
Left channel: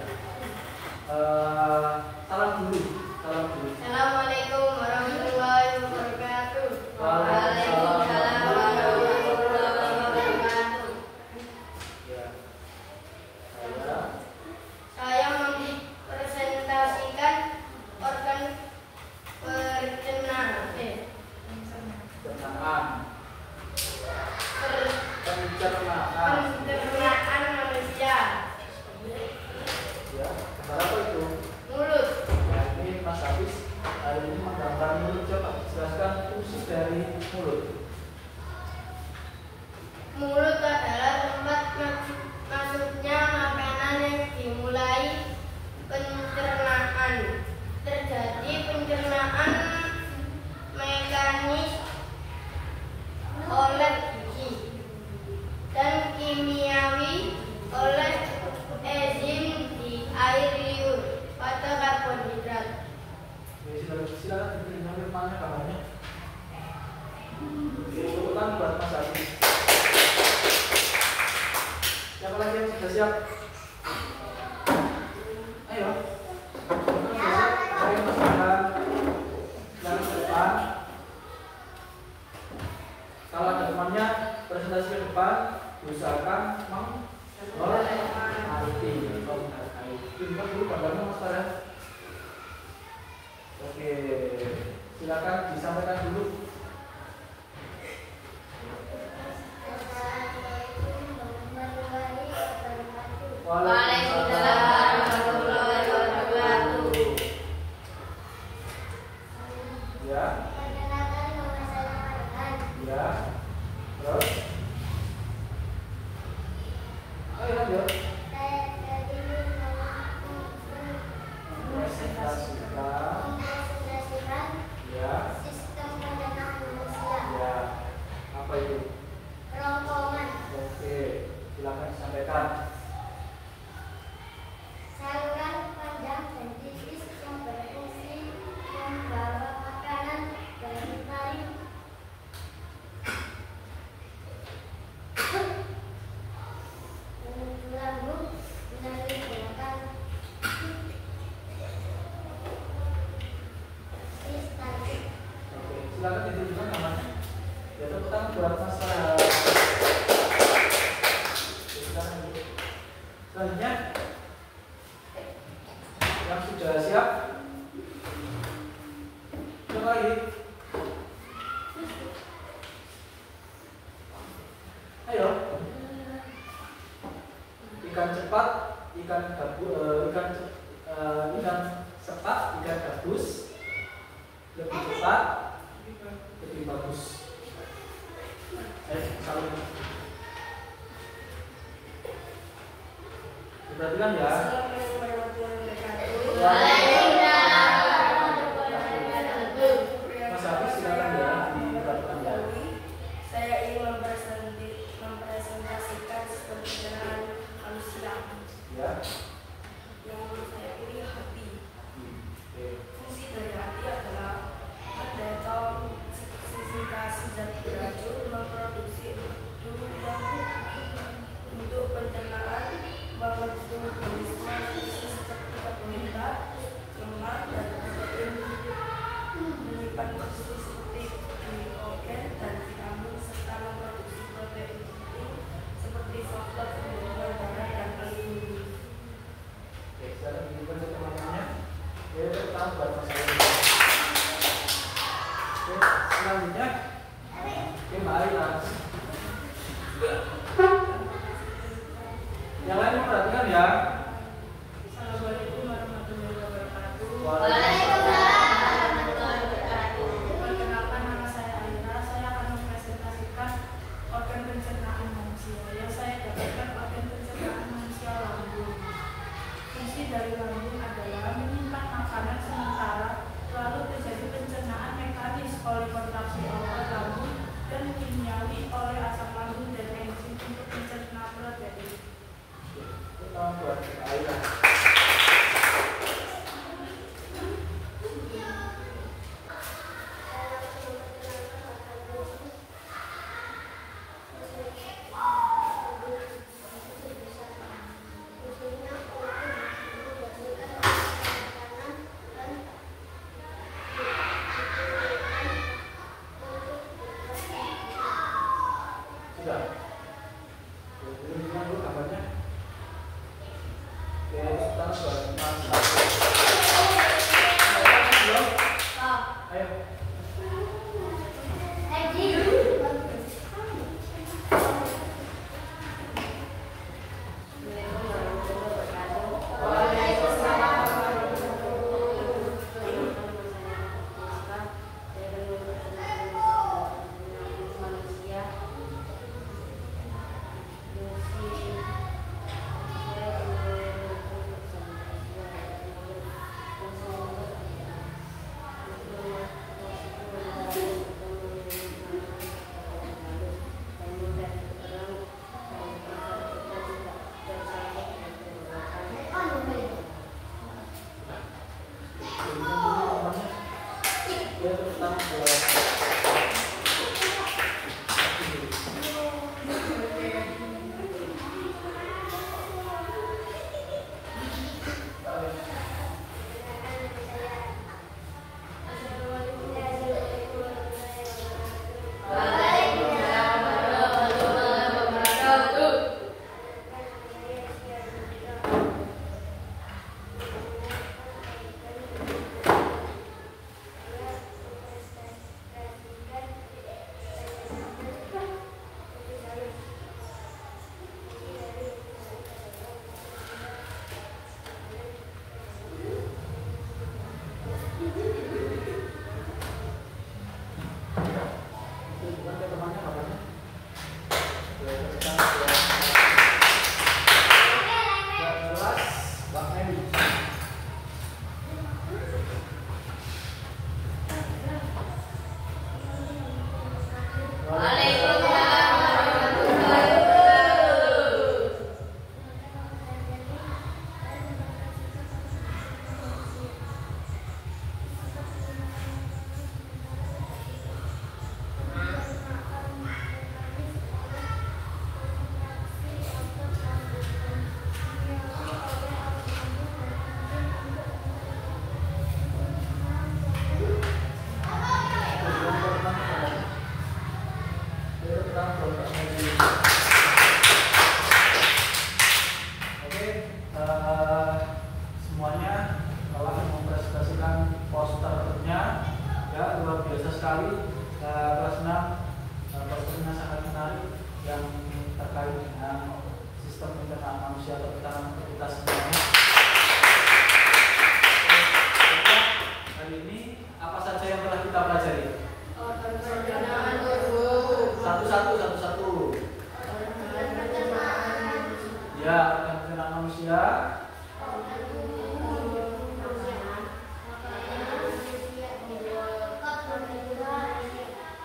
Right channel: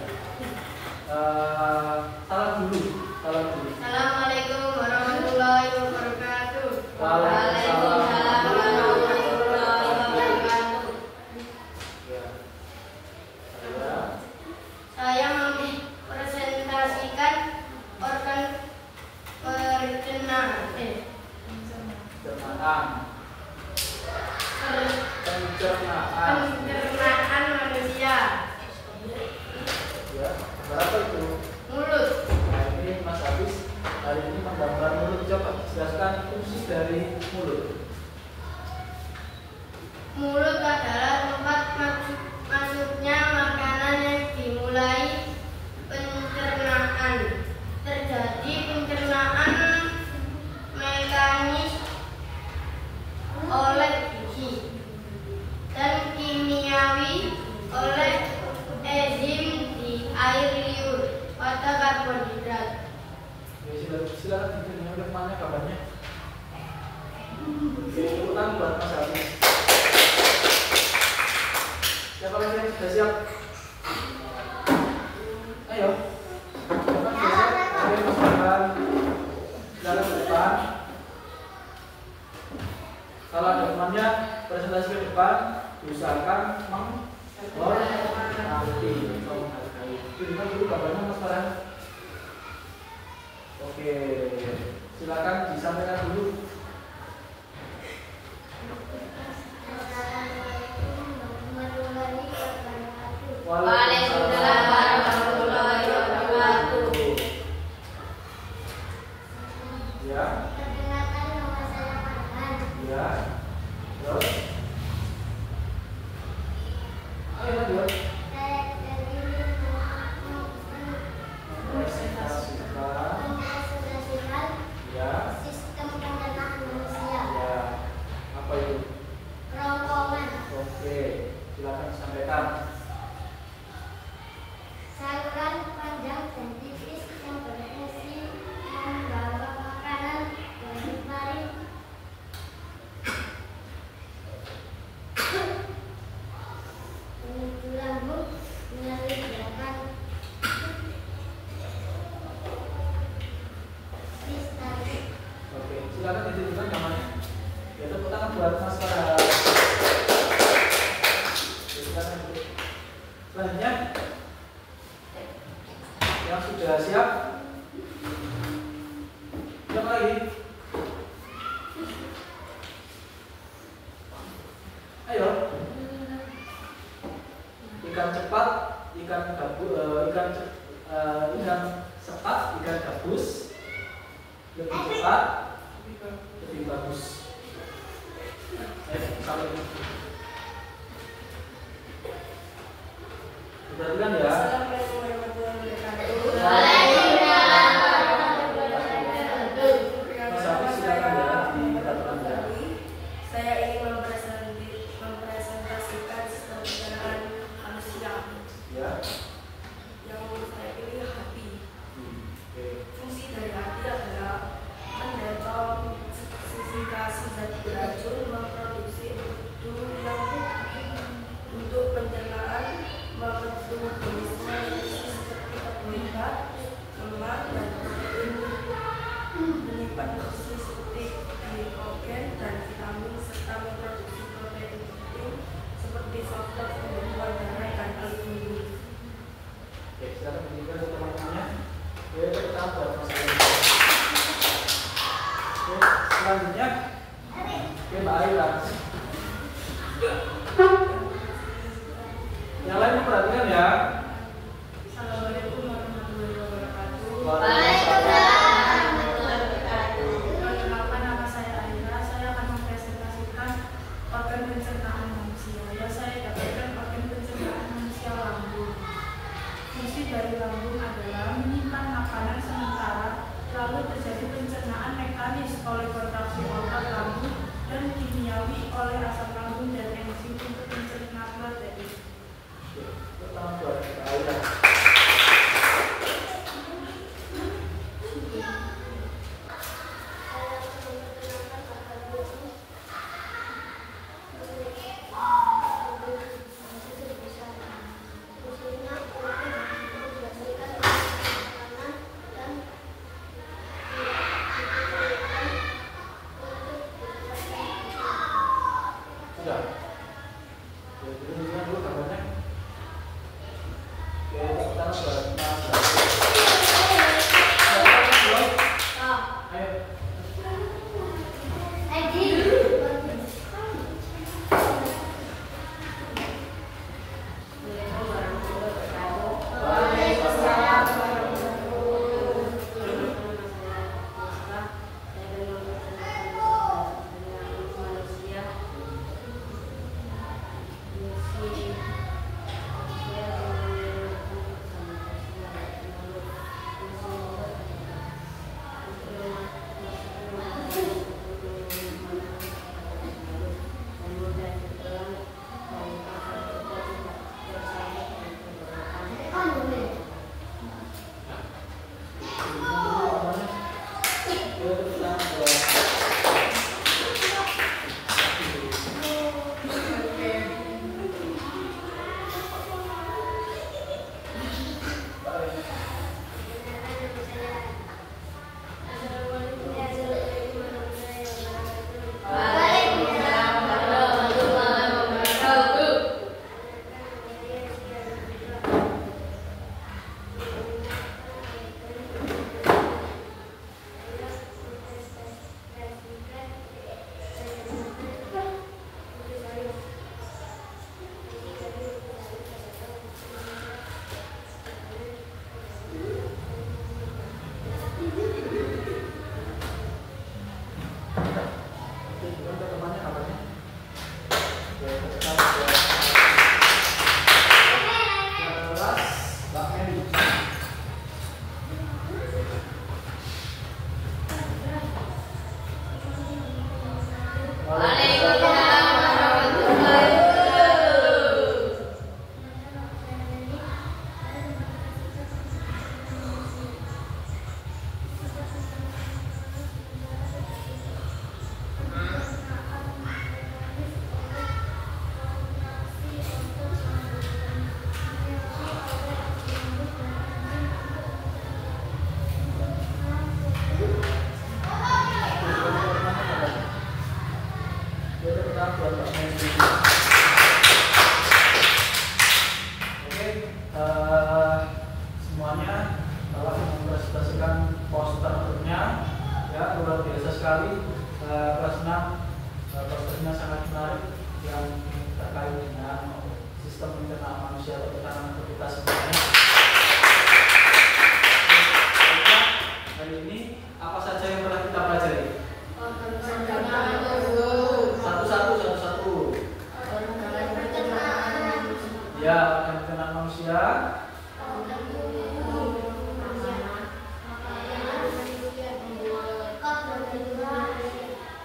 Salam dulu. Assalamualaikum warahmatullahi wabarakatuh. Waalaikumsalam warahmatullahi wabarakatuh. Saya mempresentasikan organ pencernaan manusia. Ya, apa itu? Mulut. Nah, ini Mas Hafiz hari ini menggambar mulut. Coba jelaskan fungsi dari mulut. Mulut adalah tempat masuknya makanan yang dimulai pencernaan. Terjadi pencernaan mekanis oleh gizi dan kimiawi oleh enzim di air liur pada karbohidrat. Silakan diberikan depannya kabarnya. Oke, tepukan buat Mas Hafiz. Siapa lagi yang sudah siap? Ayo. Ayo masukkan jalan ke depan. Kalau ada temannya presentasi ke depan, usahakan menghormati. Tunjukkan dulu gambarnya Mas Farhan. Oke, silakan disampaikan dulu. Waalaikumsalam warahmatullahi wabarakatuh. Ya. Ya. Terus. Ayo lanjut. Mempresentasikan Ya. sistem pencernaan manusia. Ya. Apa itu? Kerongkongan. Oke, silakan sampaikan. Saluran panjang dan tipis yang berfungsi membawa makanan dari paling menuju lambung melalui gerakan sistematik. Oke, silakan ditunjukkan namanya. Ya, tepuk tangan buat Mas Farah. Selanjutnya, yang sudah siap, siap lagi. Ayo. Ikan cepat, ikan cepat, ikan gabus, lebih cepat, lebih bagus. Ayo, saling. Perhatikan ya. Assalamualaikum warahmatullahi wabarakatuh. Mas Hafiz, silakan ya, diperhatikan ya. Saya ingin mempresentasikan sistem pencernaan manusia. Ya. Yang saya pilih hati. Oke. Fungsi dari hati adalah mendeteksi zat beracun, memproduksi empedu yang untuk pencernaan, memetabolisme seperti karbohidrat, lemak, dan protein, menyimpan nutrisi seperti glikogen dan vitamin, serta memproduksi protein penting seperti faktor pembentukan darah dan aluminium. Oke, silakan tunjukkan teman-temannya. Oke, tepuk tangan buat Mas Hafiz. Oke, selanjutnya, oke, Mbak Aira. Yang lain perhatikan ya. Assalamualaikum warahmatullahi wabarakatuh. Perkenalkan, nama saya Aira. Saya akan mempresentasikan organ pencernaan manusia. Yang saya dapatkan organ pencernaan manusia lambung. Fungsi dari lambung adalah menyimpan makanan sementara, lalu terjadi pencernaan mekanis oleh kontraksi otot lambung dan kimiawi oleh asam lambung dan enzim untuk mencerna protein. Pertama buat Mbak Aira. Sudah. Oke, tunjukkan dulu gambarnya. Oke, kita buat Mas Hafiz. Ayo. Magic. Oke, semuanya telah mempresentasikan posternya, ya luar biasa sekali. Kelas 6 posternya sangat menarik yang terkait dengan sistem pencernaan manusia atau tekanan aktivitas semuanya. Hari ini apa saja yang telah kita pelajari? Satu-satu. Ya, organ pencernaan manusia.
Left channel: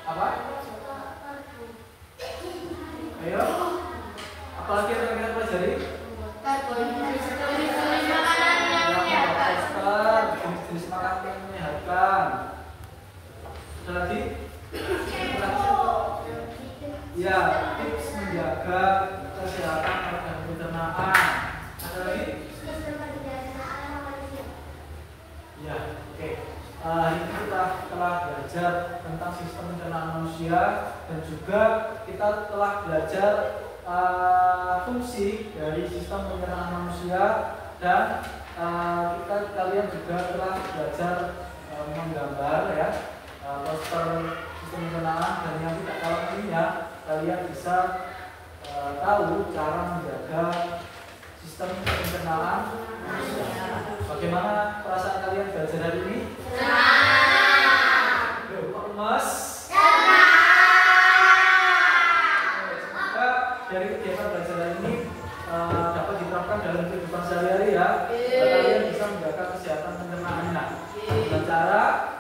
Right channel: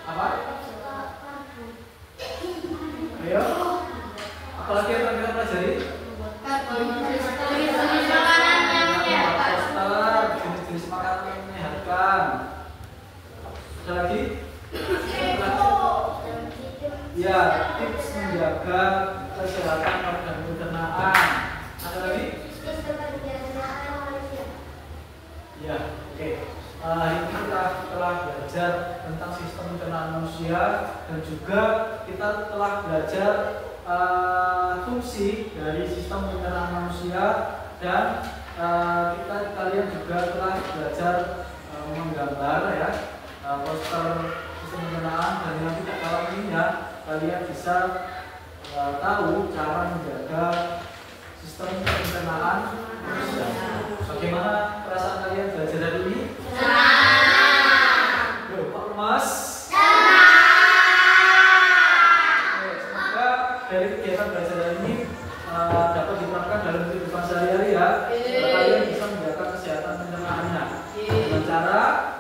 Apa? Ayo. Apalagi yang pernah kita pelajari? Poster, jenis makanan yang menyehatkan. Ada lagi? Ya, tips menjaga kesehatan organ pencernaan. Ada lagi? Ya, oke. Hari ini kita telah belajar tentang sistem pencernaan manusia dan juga kita telah belajar fungsi dari sistem pencernaan manusia dan kalian juga telah belajar menggambar ya poster sistem pencernaan, dan yang tidak kalah pentingnya kalian bisa tahu cara menjaga sistem pencernaan manusia. Bagaimana perasaan kalian belajar hari ini? Loh, Pak Mas? Semoga dari kegiatan belajar hari ini dapat diterapkan dalam kehidupan sehari-hari ya. Kalian bisa menjaga kesehatan pencernaannya dengan cara